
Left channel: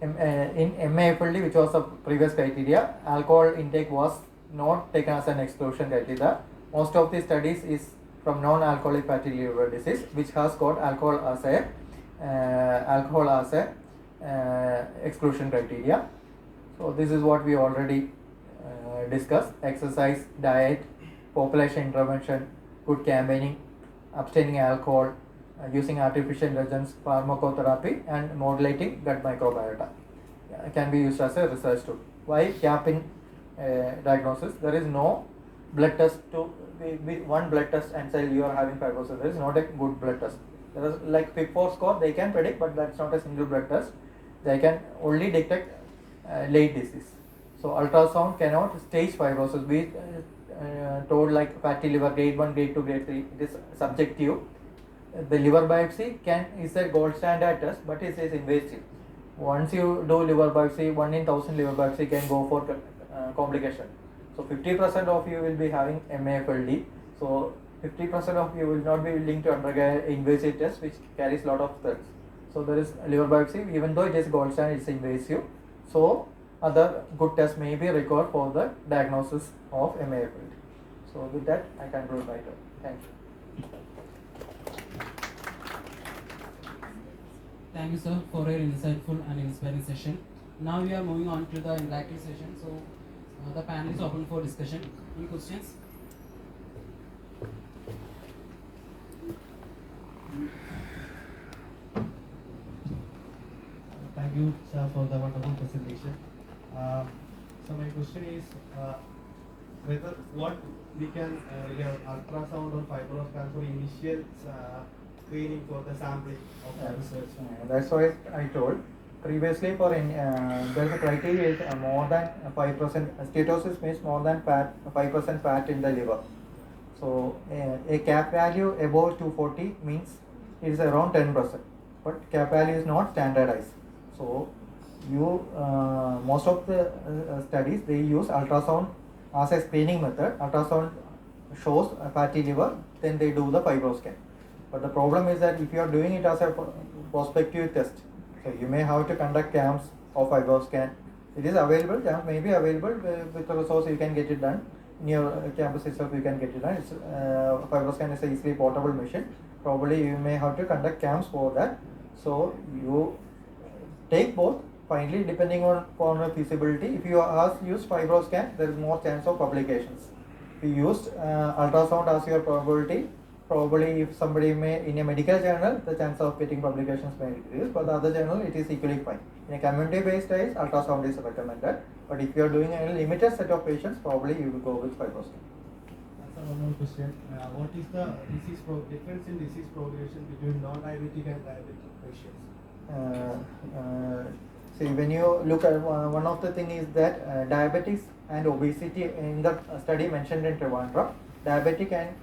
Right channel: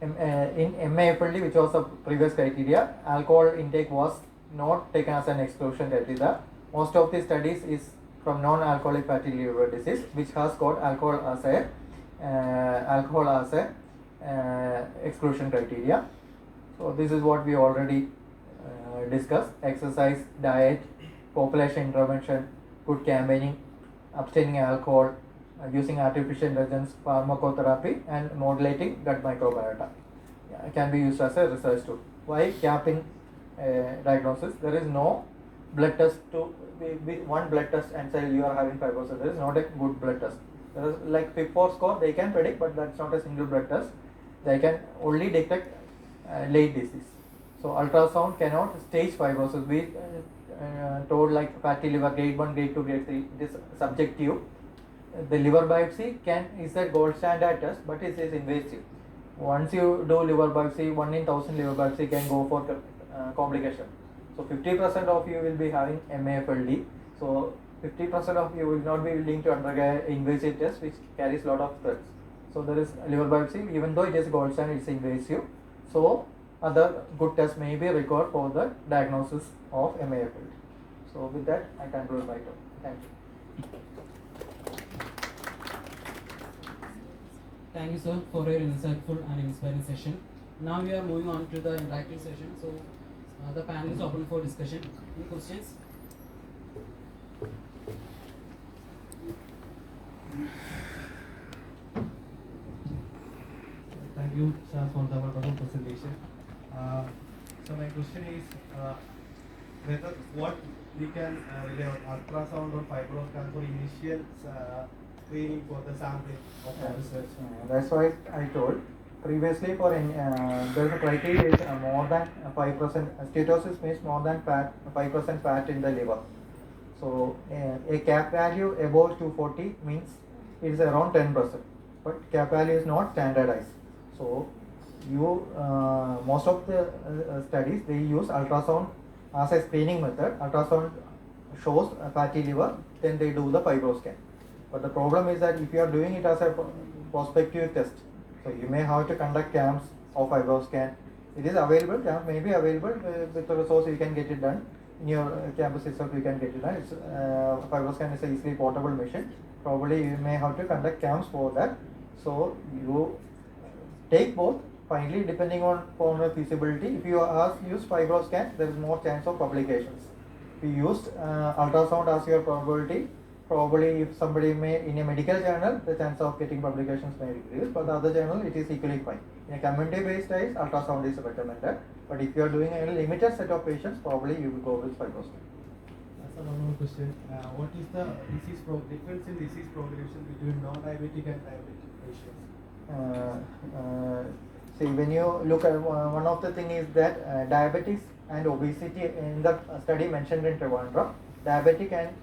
In MAFLD, which was a previous criteria, alcohol intake was not taken as an exclusion criteria. Most of the studies is from non-alcoholic fatty liver disease, which has got alcohol as a exclusion criteria. So this is what we already discussed: exercise, diet, population intervention, good campaigning, abstaining alcohol, using artificial intelligence, pharmacotherapy, and modulating gut microbiota can be used as a research tool. Why gap in diagnosis? There is no blood test to be one blood test and say you are having fibrosis. There is not a good blood test. There is like FIB4 score, they can predict, but that's not a single blood test. They can only detect late disease. So ultrasound cannot stage fibrosis. We told like fatty liver grade 1, grade 2, grade 3. It is subjective. The liver biopsy is a gold standard test, but it is invasive. Once you do liver biopsy, 1 in 1000 liver biopsy can go for complication. So 50% of you will be having MAFLD. So 50% of you will not be willing to undergo invasive test, which carries lot of threats. So there is liver biopsy, even though it is gold standard, it's invasive. So other good tests may be required for the diagnosis of MAFLD. So with that, I conclude my talk. Thank you. Thank you, sir, for your insightful and inspiring session. Now we are moving on to the interactive session. So the panel is open for discussion. Any questions? Thank you, sir, for the wonderful presentation. So my question is whether what we can rely on ultrasound or fibroscan for initial screening for the sampling of research. That's why I told previously for there's a criteria is more than 5%. Steatosis means more than 5% fat in the liver. So a cap value above 240 means it is around 10%. But cap value is not standardized. So you most of the studies they use ultrasound as a screening method. Ultrasound shows a fatty liver, then they do the fibroscan. But the problem is that if you are doing it as a prospective test, so you may have to conduct camps of fibroscan. It is available, camp may be available with the resource you can get it done. In your campus itself you can get it done. It's, fibroscan is a easily portable machine. Probably you may have to conduct camps for that. So you take both. Finally, depending on feasibility, if you use fibroscan, there is more chance of publications. If you used ultrasound as your probability, probably if somebody may in a medical journal, the chance of getting publications may decrease, but the other journal it is equally fine. In a community-based studies, ultrasound is recommended, but if you are doing a limited set of patients, probably you will go with fibroscan. So one more question: what is the difference in disease progression between non-diabetic and diabetic patients? See, when you look at one of the thing is that diabetes and obesity in the study mentioned in Trivandrum, diabetic and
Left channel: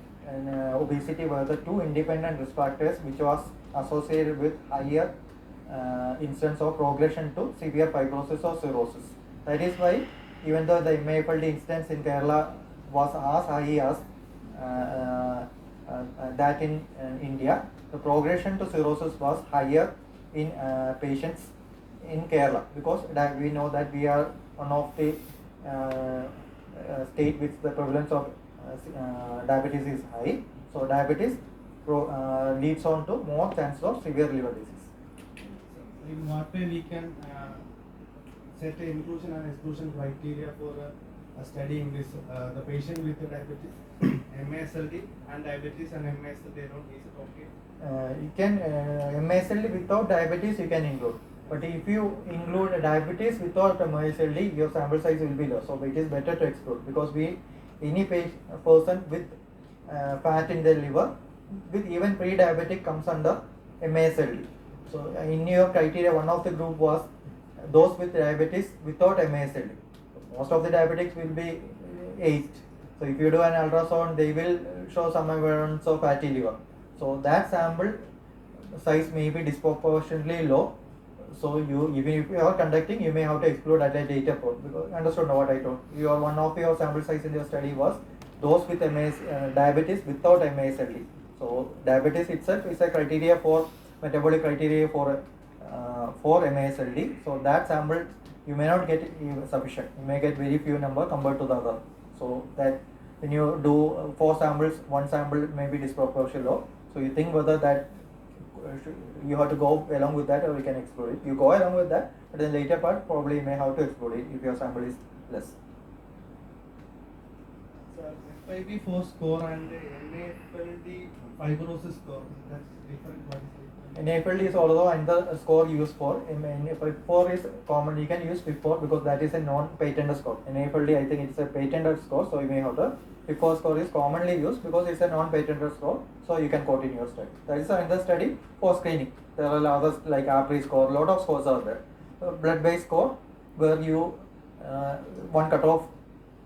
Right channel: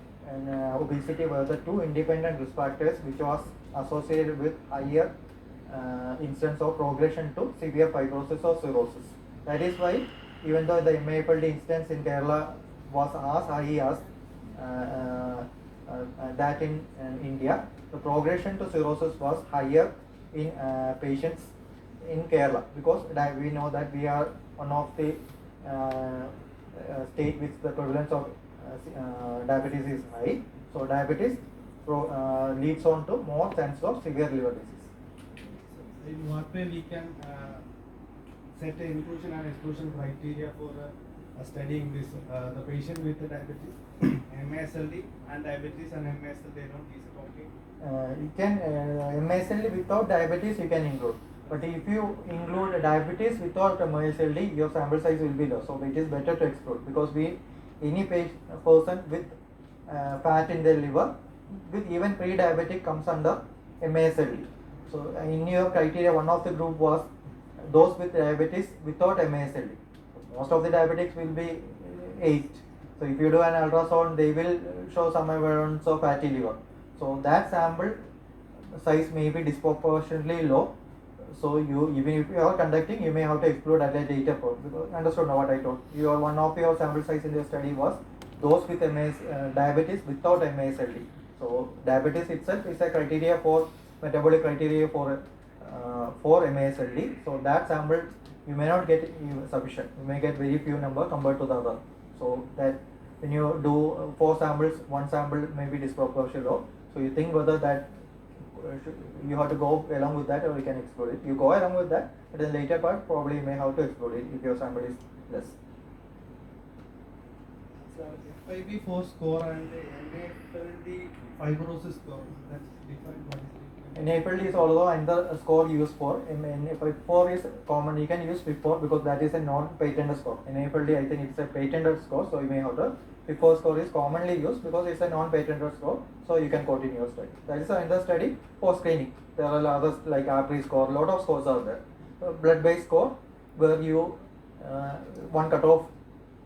obesity were the two independent risk factors which was associated with higher instance of progression to severe fibrosis or cirrhosis. That is why, even though the MAFLD instance in Kerala was as high as that in India, the progression to cirrhosis was higher in patients in Kerala, because we know that we are one of the state with the prevalence of diabetes is high. So diabetes leads on to more chance of severe liver disease. In what way we can set an inclusion and exclusion criteria for studying this, the patient with diabetes, MASLD and diabetes and MASLD alone, is it okay? You can MASLD without diabetes you can include, but if you include diabetes without MASLD, your sample size will be low. So it is better to exclude, because any person with fat in their liver with even pre-diabetic comes under MASLD. So in your criteria, one of the group was those with diabetes without MASLD. Most of the diabetics will be aged. So if you do an ultrasound, they will show some evidence of fatty liver. So that sample size may be disproportionately low. So even if you are conducting, you may have to exclude at a later point. Because understood now what I told. One of your sample size in your study was those with diabetes without MASLD. So diabetes itself is a criteria for metabolic criteria for MASLD. So that sample you may not get sufficient. You may get very few number compared to the other. So that when you do 4 samples, 1 sample may be disproportionately low. So you think whether that you have to go along with that, or you can exclude it. You go along with that, but in the later part probably you may have to exclude it if your sample is less. So FIB4 score and MAFLD fibrosis score, that's different. What is different? NAFLD is also another score used for. FIB4 is common. You can use FIB4 because that is a non-patented score. NAFLD, I think it's a patented score, so you may have to. FIB4 score is commonly used because it's a non-patented score, so you can quote in your study. That is another study for screening. There are others like artery score. A lot of scores are there. Blood-based score, where you one cutoff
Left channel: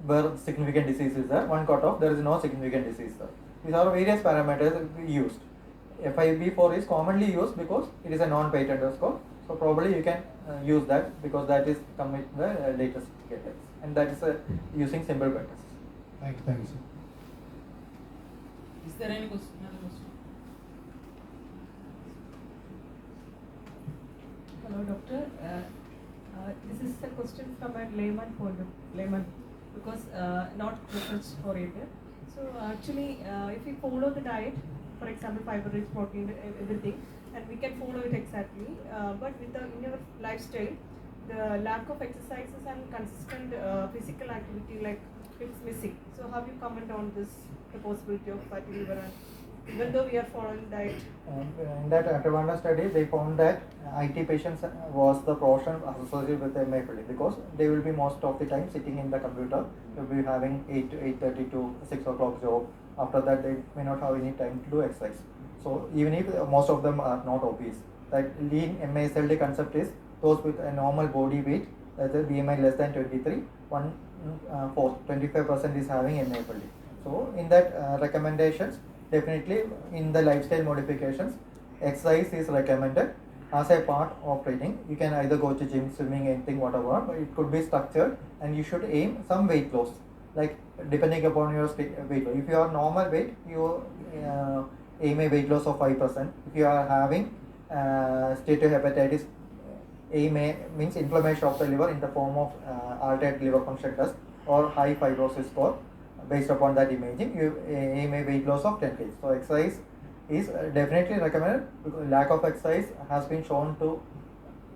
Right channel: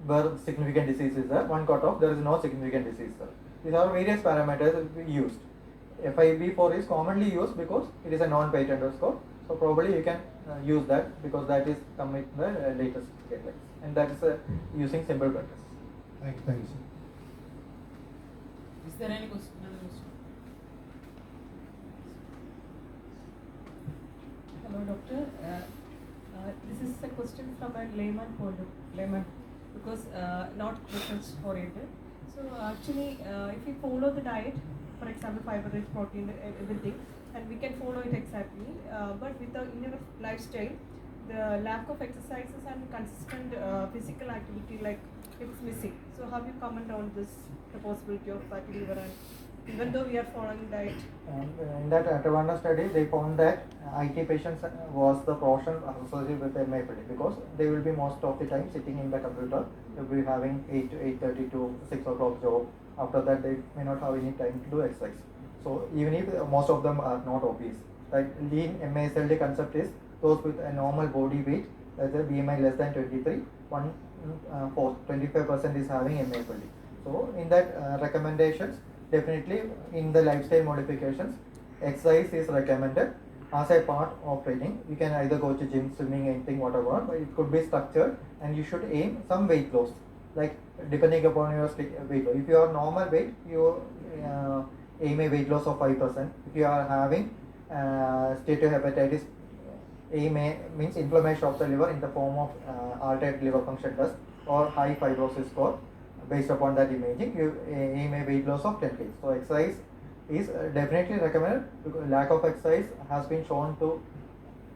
where significant disease is there, one cutoff there is no significant disease there. These are various parameters used. FIB4 is commonly used because it is a non-patented score. So probably you can use that because that is come with the latest guidelines, and that is using simple practices. Thank you, sir. Is there any question? Hello, doctor. This is a question from a layman point of layman, because not research oriented. So actually, if we follow the diet, for example, fiber rich protein, everything, and we can follow it exactly, but in your lifestyle, the lack of exercises and consistent physical activity, like it's missing. So how you comment on this, the possibility of fatty liver, and even though we are following diet? In that Atlanta study, they found that IT patients was the portion associated with MAFLD, because they will be most of the time sitting in the computer. They will be having 8 to 8:30 to 6 o'clock job. After that, they may not have any time to do exercise. So even if most of them are not obese, that lean MASLD concept is those with a normal body weight, that's a BMI less than 23, 25% is having MASLD. So in that recommendations, definitely in the lifestyle modifications, exercise is recommended as a part of training. You can either go to gym, swimming, anything, whatever, but it could be structured, and you should aim some weight loss, like depending upon your weight loss. If you are normal weight, you aim a weight loss of 5%. If you are having steatohepatitis, means inflammation of the liver in the form of altered liver function test or high fibrosis score. Based upon that imaging, you aim a weight loss of 10 kg. So exercise is definitely recommended, because lack of exercise has been shown to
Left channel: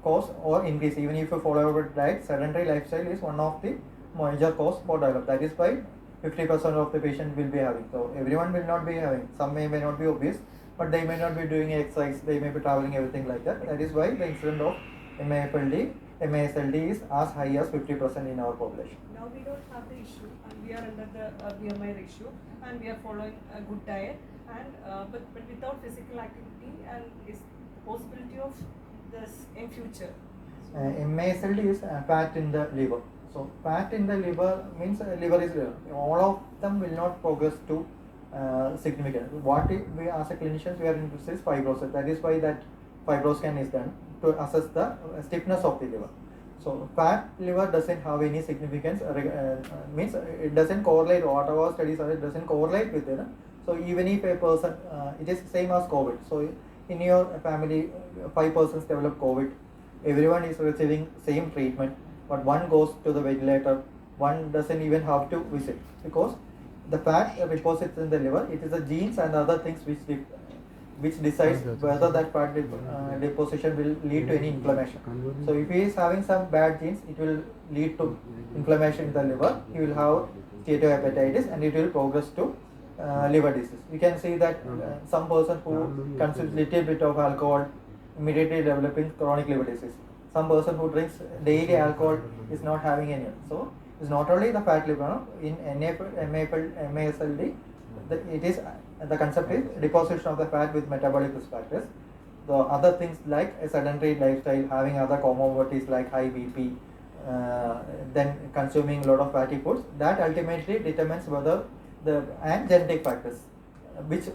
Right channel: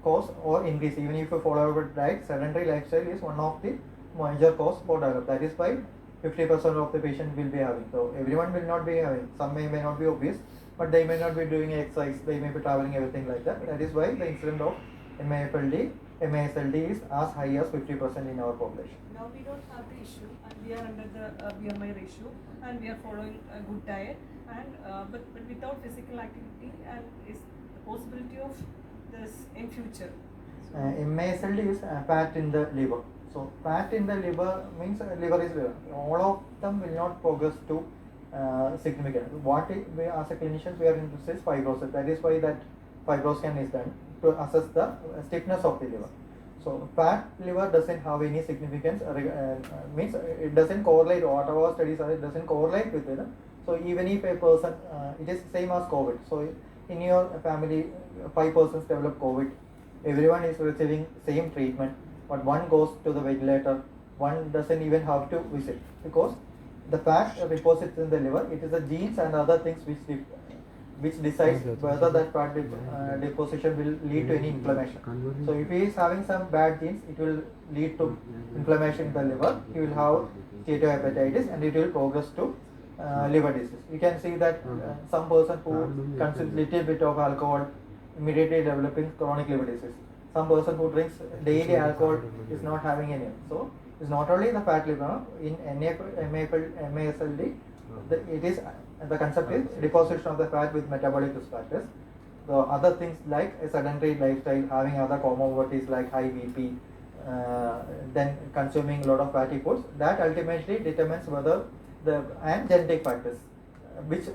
cause or increase. Even if you follow a diet, sedentary lifestyle is one of the major cause for diabetes. That is why 50% of the patient will be having. So everyone will not be having. Some may not be obese, but they may not be doing exercise. They may be traveling, everything like that. That is why the incidence of MASLD is as high as 50% in our population. Now we don't have the issue, and we are under the BMI ratio, and we are following a good diet, and but without physical activity, and is the possibility of this in future. So MASLD is fat in the liver. So fat in the liver means liver is all of them will not progress to significant. What we as a clinician we are interested is fibrosis. That is why that fibroscan is done to assess the stiffness of the liver. So fat liver doesn't have any significance, means it doesn't correlate, whatever studies are, it doesn't correlate with it. So even if a person, it is same as COVID. So in your family, 5 persons develop COVID, everyone is receiving same treatment, but one goes to the ventilator, one doesn't even have to visit, because the fat deposits in the liver, it is the genes and other things which decides whether that fat deposition will lead to any inflammation. So if he is having some bad genes, it will lead to inflammation in the liver, he will have steatohepatitis and it will progress to liver disease. You can see that some person who consumes little bit of alcohol immediately developing chronic liver disease. Some person who drinks daily alcohol is not having any. So it's not only the fat liver. In MASLD, it is the concept is deposition of the fat with metabolic risk factors. The other things like a sedentary lifestyle, having other comorbidities like high BP, then consuming a lot of fatty foods, that ultimately determines whether and genetic factors, which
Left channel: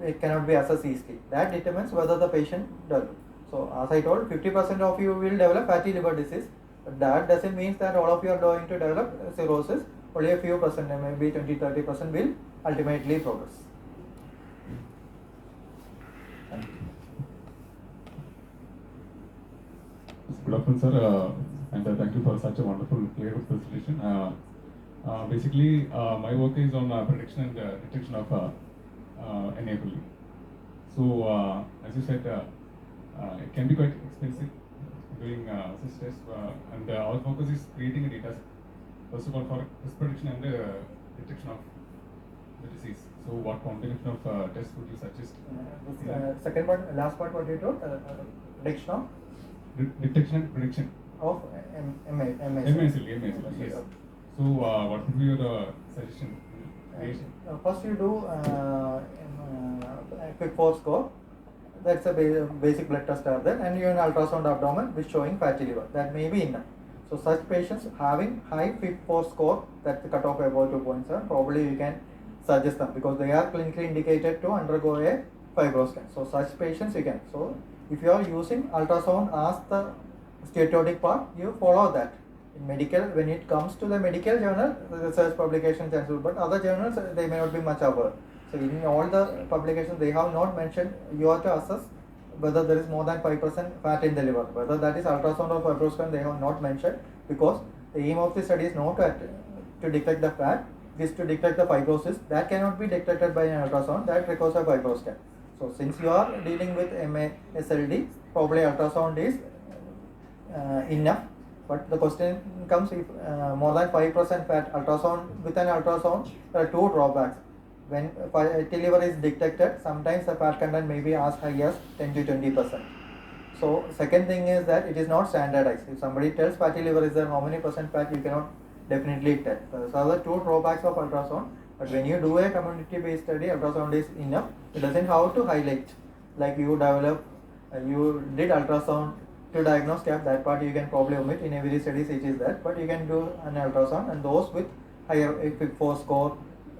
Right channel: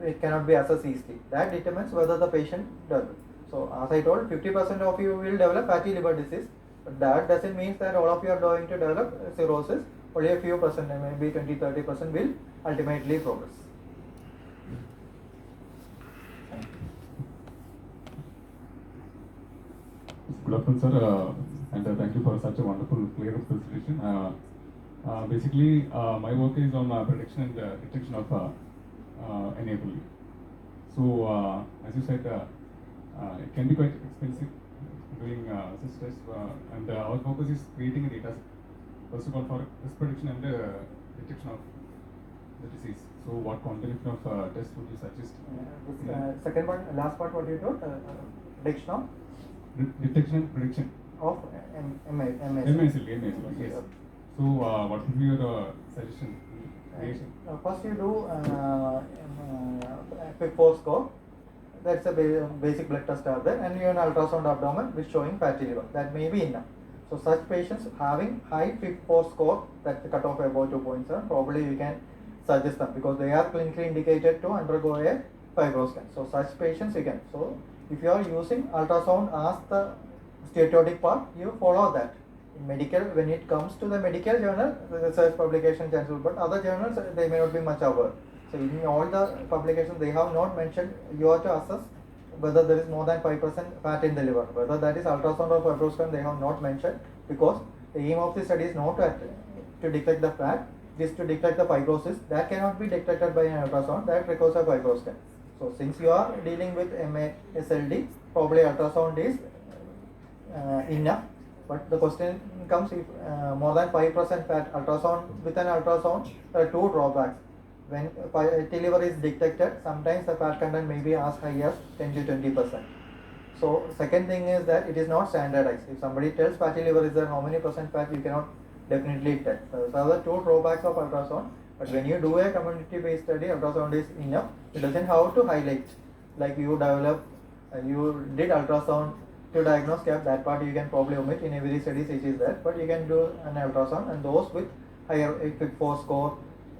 it cannot be assessed easily. That determines whether the patient develops. So as I told, 50% of you will develop fatty liver disease, but that doesn't mean that all of you are going to develop cirrhosis. Only a few percent, maybe 20-30% will ultimately progress. Good afternoon, sir, and thank you for such a wonderful, clear presentation. Basically, my work is on prediction and detection of NAFLD. So, as you said, it can be quite expensive doing such tests, and our focus is creating a data set. First of all, for risk prediction and detection of the disease. So, what combination of tests would you suggest? Second part, last part, what you told, prediction of? Detection and prediction Of MASLD, yes. So, what would be your suggestion? First, you do FIB4 score. That's a basic blood test are there, and you have an ultrasound abdomen which showing fatty liver. That may be enough. So, such patients having high FIB4 score, that's the cutoff about 2.7, probably you can suggest them because they are clinically indicated to undergo a fibroscan. So, such patients you can. So, if you are using ultrasound as the steatotic part, you follow that. In medical, when it comes to the medical journal, the research publication chances, but other journals, they may not be much aware. So in all the publications, they have not mentioned, you have to assess whether there is more than 5% fat in the liver. Whether that is ultrasound or fibroscan, they have not mentioned, because the aim of the study is not to detect the fat, it is to detect the fibrosis. That cannot be detected by an ultrasound, that requires a fibroscan. So since you are dealing with MASLD, probably ultrasound is enough. But the question comes, if more than 5% fat, ultrasound, with an ultrasound, there are two drawbacks. When fatty liver is detected, sometimes the fat content may be as high as 10 to 20%. So second thing is that it is not standardized. If somebody tells fatty liver is there, how many percent fat, you cannot definitely tell. So are the two drawbacks of ultrasound. But when you do a community-based study, ultrasound is enough. It doesn't have to highlight, like you develop, you did ultrasound to diagnose CAP, that part you can probably omit. In every study it is there, but you can do an ultrasound, and those with higher FIB4 score,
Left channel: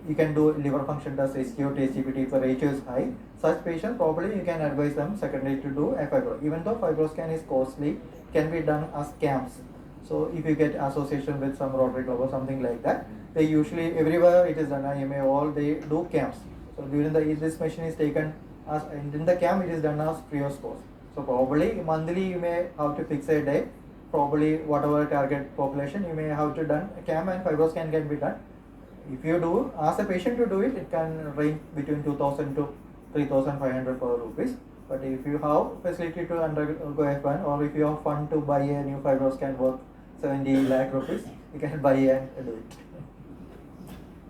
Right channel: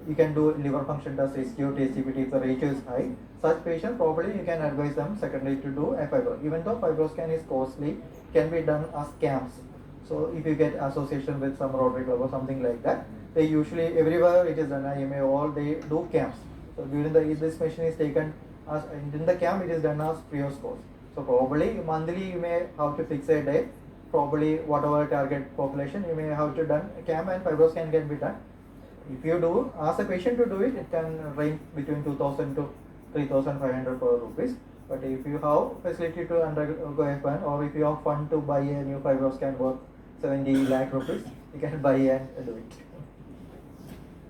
you can do liver function test, SQT, SGPT, if the ratio is high. Such patients, probably you can advise them secondary to do a fibro. Even though fibroscan is costly, it can be done as CAMs. So if you get association with some Rotary Club or something like that, they usually, everywhere it is done, IMA, all they do CAMs. So during this machine is taken as, in the CAM it is done as free of cost. So probably monthly you may have to fix a day, probably whatever target population you may have to done, CAM and fibroscan can be done. If you do, ask a patient to do it, it can range between 2,000 to 3,500 rupees. But if you have facility to undergo F1, or if you have fund to buy a new fibroscan worth 70 lakh rupees, you can buy and do it.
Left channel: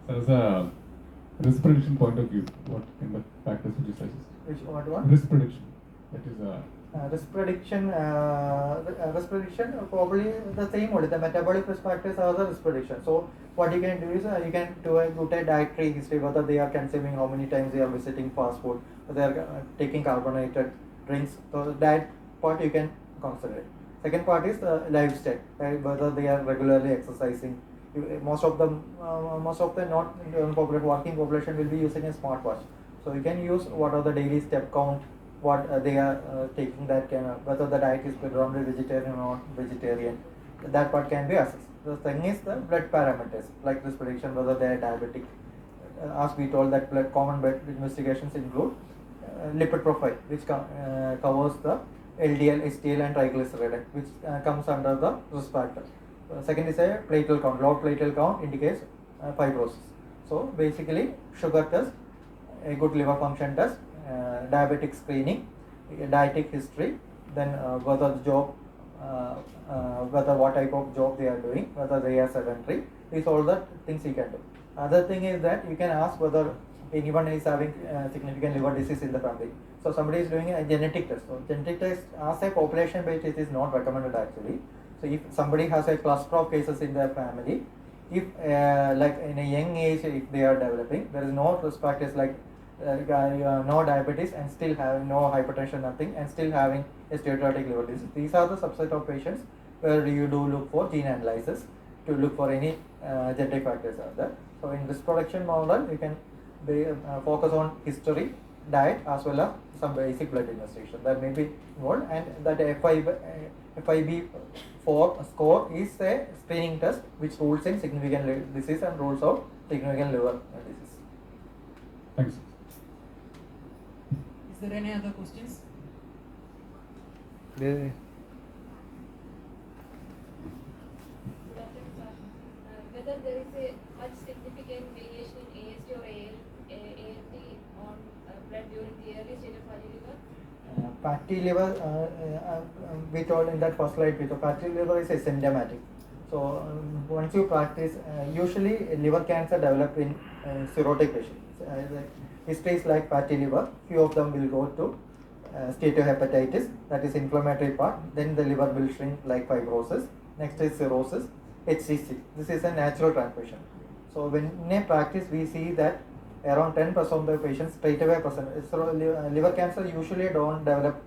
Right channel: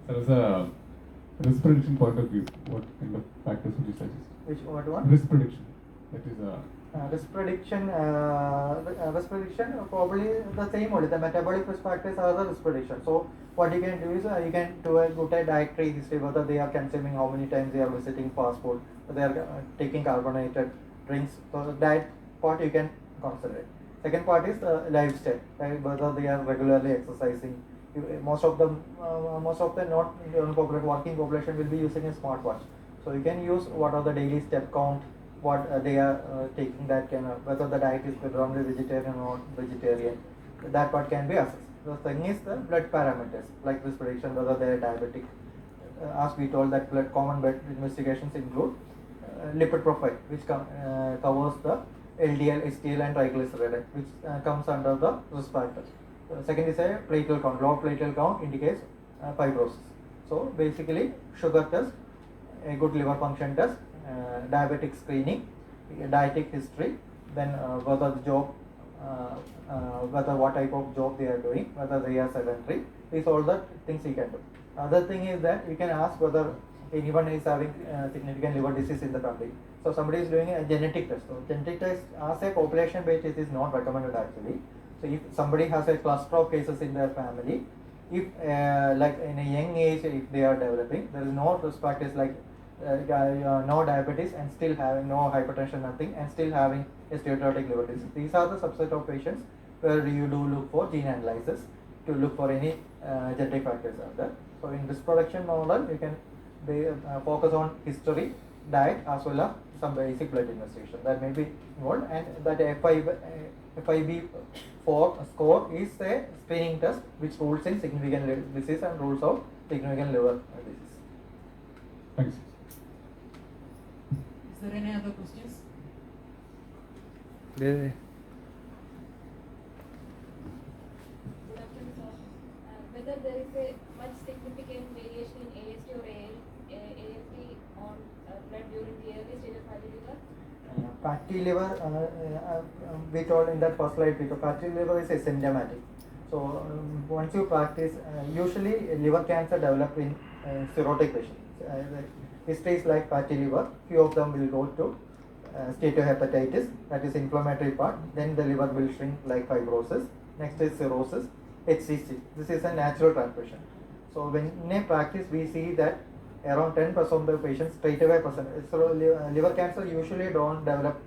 So as a risk prediction point of view, what kind of factors would you suggest? Which one? Risk prediction. That is risk prediction, probably the same only. The metabolic risk factors are the risk prediction. So what you can do is you can do a good dietary history, whether they are consuming, how many times they are visiting fast food, whether they are taking carbonated drinks. So that part you can consider. Second part is lifestyle, whether they are regularly exercising. Most of the non working population will be using a smartwatch. So you can use what are the daily step count, what they are taking, that can whether the diet is predominantly vegetarian or vegetarian, that part can be assessed. The thing is the blood parameters, like this prediction whether they are diabetic. As we told that common blood investigations include lipid profile, which covers the LDL, HDL and triglyceride, which comes under the risk factor. Second is a platelet count. Low platelet count indicates fibrosis. So basically sugar test, a good liver function test, diabetic screening, dietetic history, then whether the job, whether what type of job they are doing, whether they are sedentary. These all the things you can do. Other thing is that you can ask whether anyone is having significant liver disease in the family. So somebody is doing a genetic test. So genetic test as a population based it is not recommended actually. So if somebody has a cluster of cases in their family, if like in a young age if they are developing, there is no risk factors like no diabetes and still having no hypertension, nothing, and still having a steatotic liver disease. These are the subset of patients where you do look for gene analysis to look for any genetic factors are there. So in risk production model, you can focus on history, diet, as well as some basic blood investigation that may be involved, and that FIB4 score is a screening test which rules in significant liver disease and rules out significant liver disease. Thanks. Is there any other questions? Whether there is a much significant variation in AST or ALT on blood during the early stage of fatty liver? Fatty liver, we told in that first slide, fatty liver is asymptomatic. So once you practice, usually liver cancer develop in cirrhotic patients. History is like fatty liver. Few of them will go to steatohepatitis, that is inflammatory part. Then the liver will shrink like fibrosis. Next is cirrhosis, HCC. This is a natural transmission. So when in a practice we see that around 10% of the patients straight away present. So liver cancer usually don't develop.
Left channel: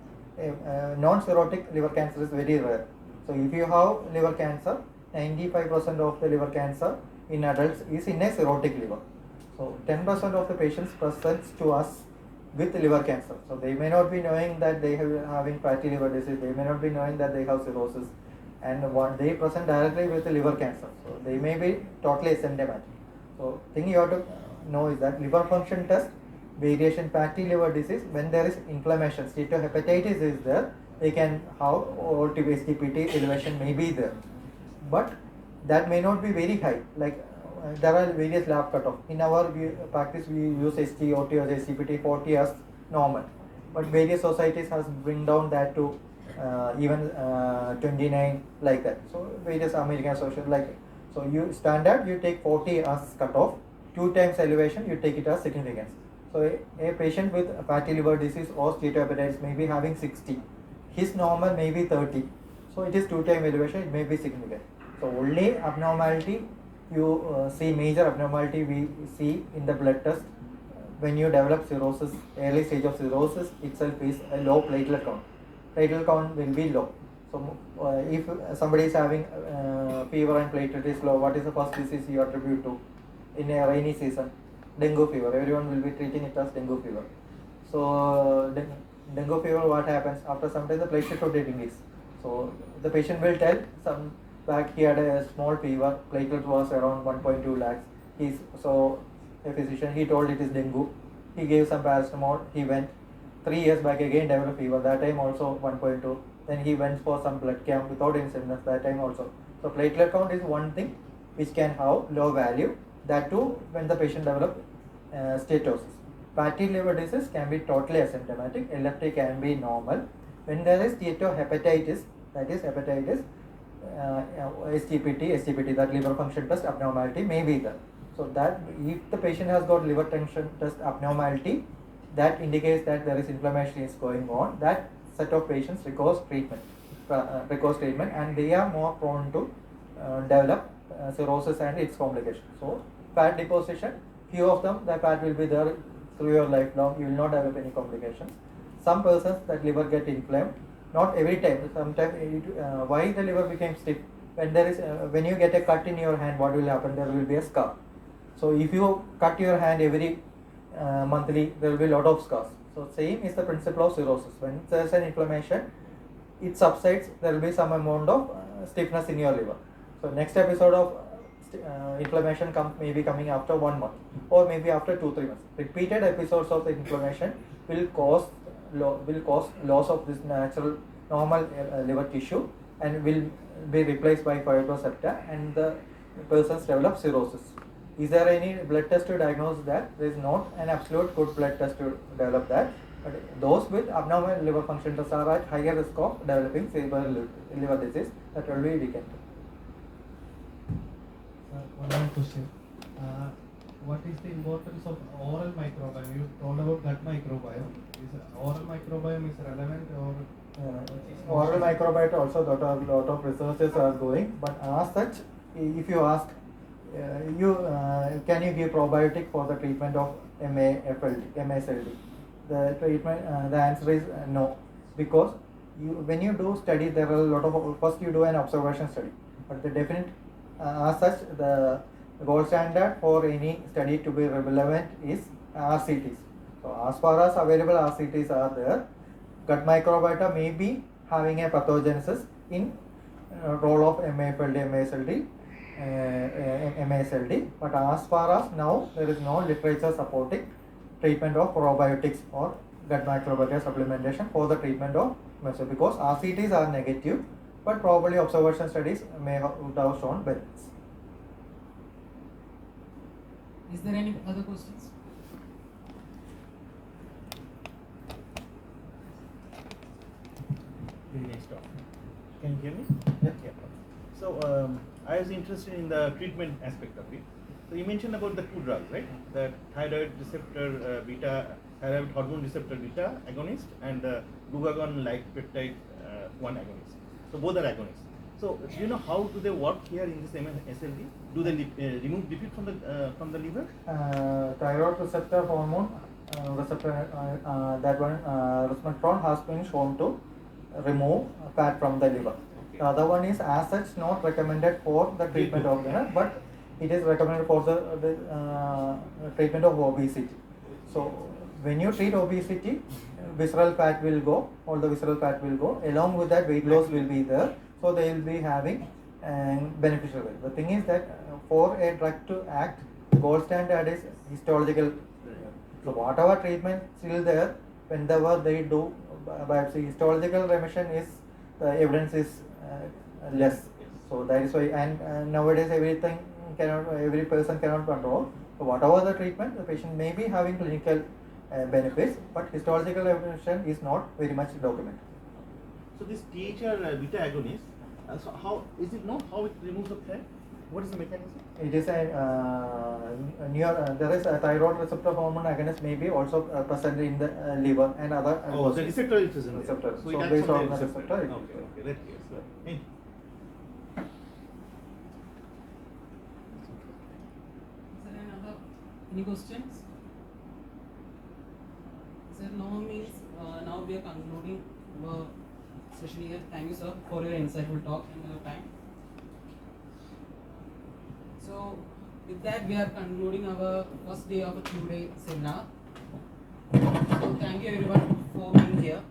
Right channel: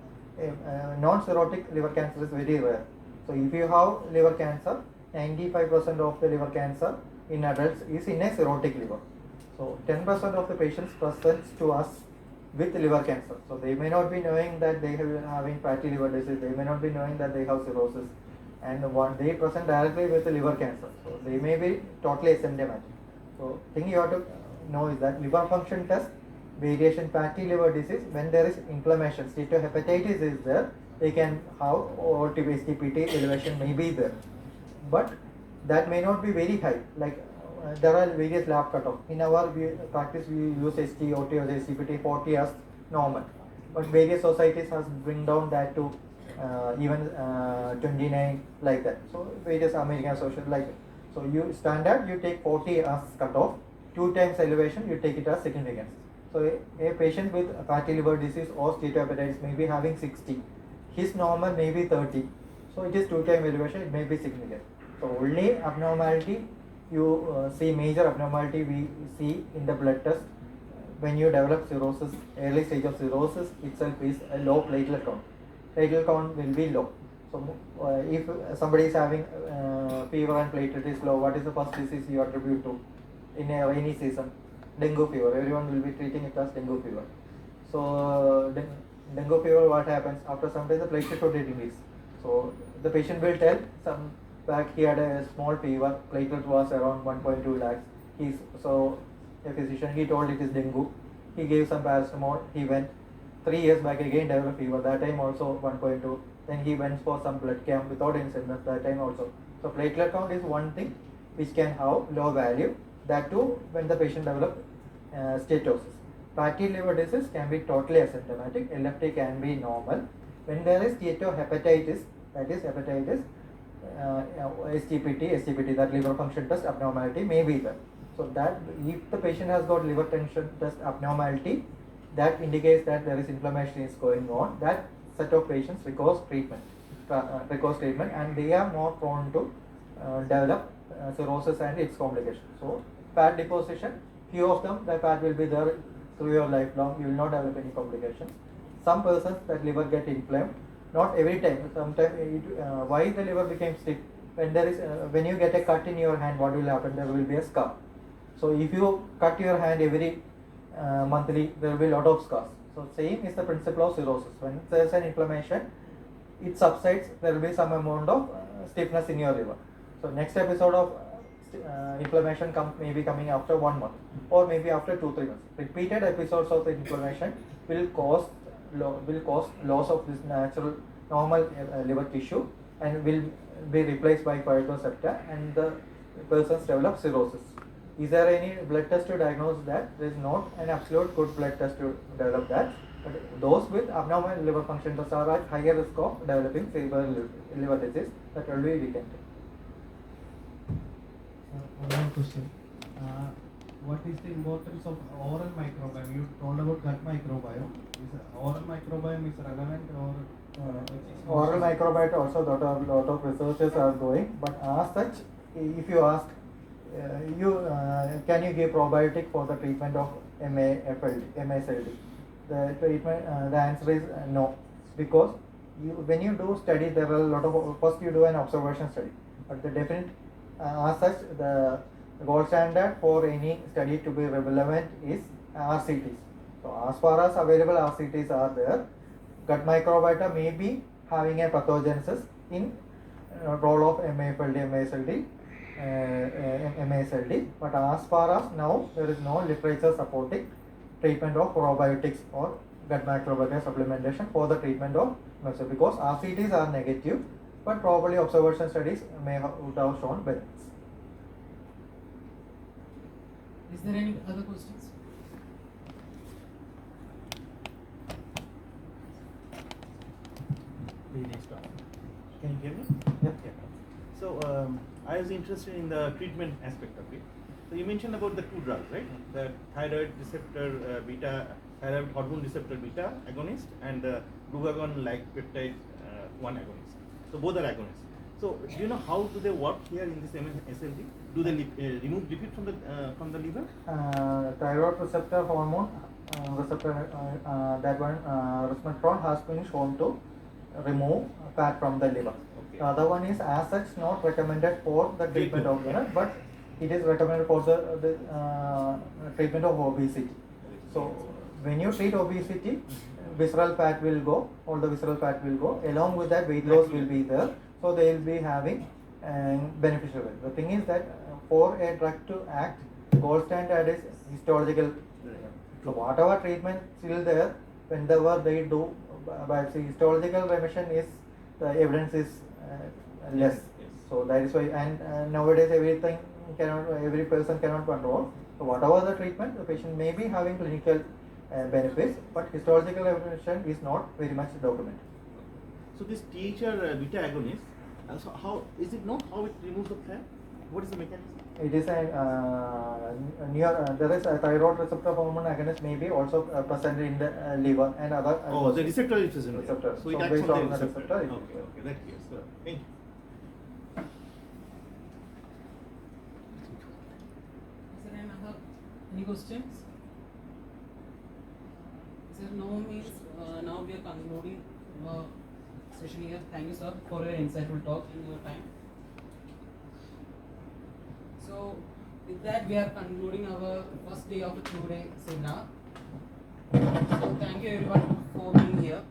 Non-cirrhotic liver cancer is very rare. So if you have liver cancer, 95% of the liver cancer in adults is in a cirrhotic liver. So 10% of the patients presents to us with liver cancer. So they may not be knowing that they have having fatty liver disease. They may not be knowing that they have cirrhosis, and they present directly with the liver cancer. So they may be totally asymptomatic. So thing you have to know is that liver function test, variation fatty liver disease, when there is inflammation, steatohepatitis is there, they can have STPT elevation may be there, but that may not be very high. Like there are various lab cutoff. In our practice, we use ST, OT or STPT 40 as normal, but various societies has bring down that to even 29 like that. So various American social like, so you standard you take 40 as cutoff, 2 times elevation you take it as significance. So a patient with fatty liver disease or steatohepatitis may be having 60, his normal may be 30, so it is 2 times elevation, it may be significant. So only abnormality you see, major abnormality we see in the blood test when you develop cirrhosis. Early stage of cirrhosis itself is a low platelet count. Platelet count will be low. So if somebody is having fever and platelet is low, what is the first disease you attribute to in a rainy season? Dengue fever. Everyone will be treating it as dengue fever. So dengue fever, what happens? After some time the platelet count decreases. So the patient will tell some that he had a small fever, platelet was around 1.2 lakhs. So a physician, he told it is dengue. He gave some paracetamol, he went. 3 years back again developed fever, that time also 1.2. Then he went for some blood count without any symptoms, that time also. So platelet count is one thing which can have low value, that too when the patient develops steatosis. Fatty liver disease can be totally asymptomatic, LFT can be normal. When there is steatohepatitis, that is hepatitis, STPT, that liver function test abnormality may be there. So that if the patient has got liver function test abnormality, that indicates that there is inflammation is going on. That set of patients requires treatment, and they are more prone to develop cirrhosis and its complications. So fat deposition, few of them the fat will be there through your lifelong. You will not develop any complications. Some persons that liver get inflamed. Not every time. Sometimes why the liver becomes stiff? When there is when you get a cut in your hand, what will happen? There will be a scar. So if you cut your hand every monthly, there will be a lot of scars. So same is the principle of cirrhosis. When there is an inflammation, it subsides, there will be some amount of stiffness in your liver. So next episode of inflammation may be coming after 1 month or maybe after 2-3 months. Repeated episodes of inflammation will cause loss of this natural normal liver tissue and will be replaced by phytocepta, and the persons develop cirrhosis. Is there any blood test to diagnose that? There is not an absolute good blood test to develop that. But those with abnormal liver function tests are at higher risk of developing severe liver disease. That will be weakened. One more question. What is the importance of oral microbiome? You told about gut microbiome. Is oral microbiome is relevant or? Oral microbiome also lot of researchers are going, but as such, if you ask, can you give probiotic for the treatment of MASLD? The treatment, the answer is no, because when you do study, there are a lot of, first you do an observation study, but the definite, as such, the gold standard for any study to be relevant is RCTs. So as far as available RCTs are there, gut microbiota may be having a pathogenesis in role of MASLD, but as far as now, there is no literature supporting treatment of probiotics or gut microbiota supplementation for the treatment of MASLD, because RCTs are negative, but probably observation studies would have shown benefits. Is there any other questions? Very nice talk. Can you hear me? Yeah. So I was interested in the treatment aspect of it. So you mentioned about the two drugs, right? The thyroid receptor beta, thyroid hormone receptor beta agonist, and the glucagon-like peptide 1 agonist. So both are agonists. So do you know how do they work here in this SLD? Do they remove lipid from the liver? Thyroid receptor hormone receptor, that one resmetirom has been shown to remove fat from the liver. Okay. The other one is as such not recommended for the treatment of liver, but it is recommended for the treatment of obesity. So when you treat obesity, visceral fat will go, all the visceral fat will go. Along with that, weight loss will be there. So they will be having beneficial weight. The thing is that for a drug to act, gold standard is histological. So whatever treatment still there, whenever they do biopsy, histological remission is, the evidence is less. So that is why, and nowadays every person cannot control. So whatever the treatment, the patient may be having clinical benefits, but histological remission is not very much documented. So this THR beta agonist, so how is it known how it removes the fat? What is the mechanism? It is there is a thyroid receptor hormone agonist may be also present in the liver and other. The receptor is present. Receptor. So it So acts based on on the the receptor. receptor, it Okay, that case. So, thank you. Is there any questions? Sir, no means now we are concluding our session here. Thank you, sir, for your insightful talk in your time. So, with that, we are concluding our first day of a 2-day seminar. So, thank you everyone for being here.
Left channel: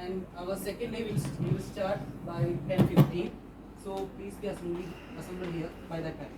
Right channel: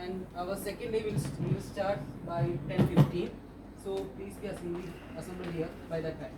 And our second day will start by 10:15. So, please be assembled here by that time.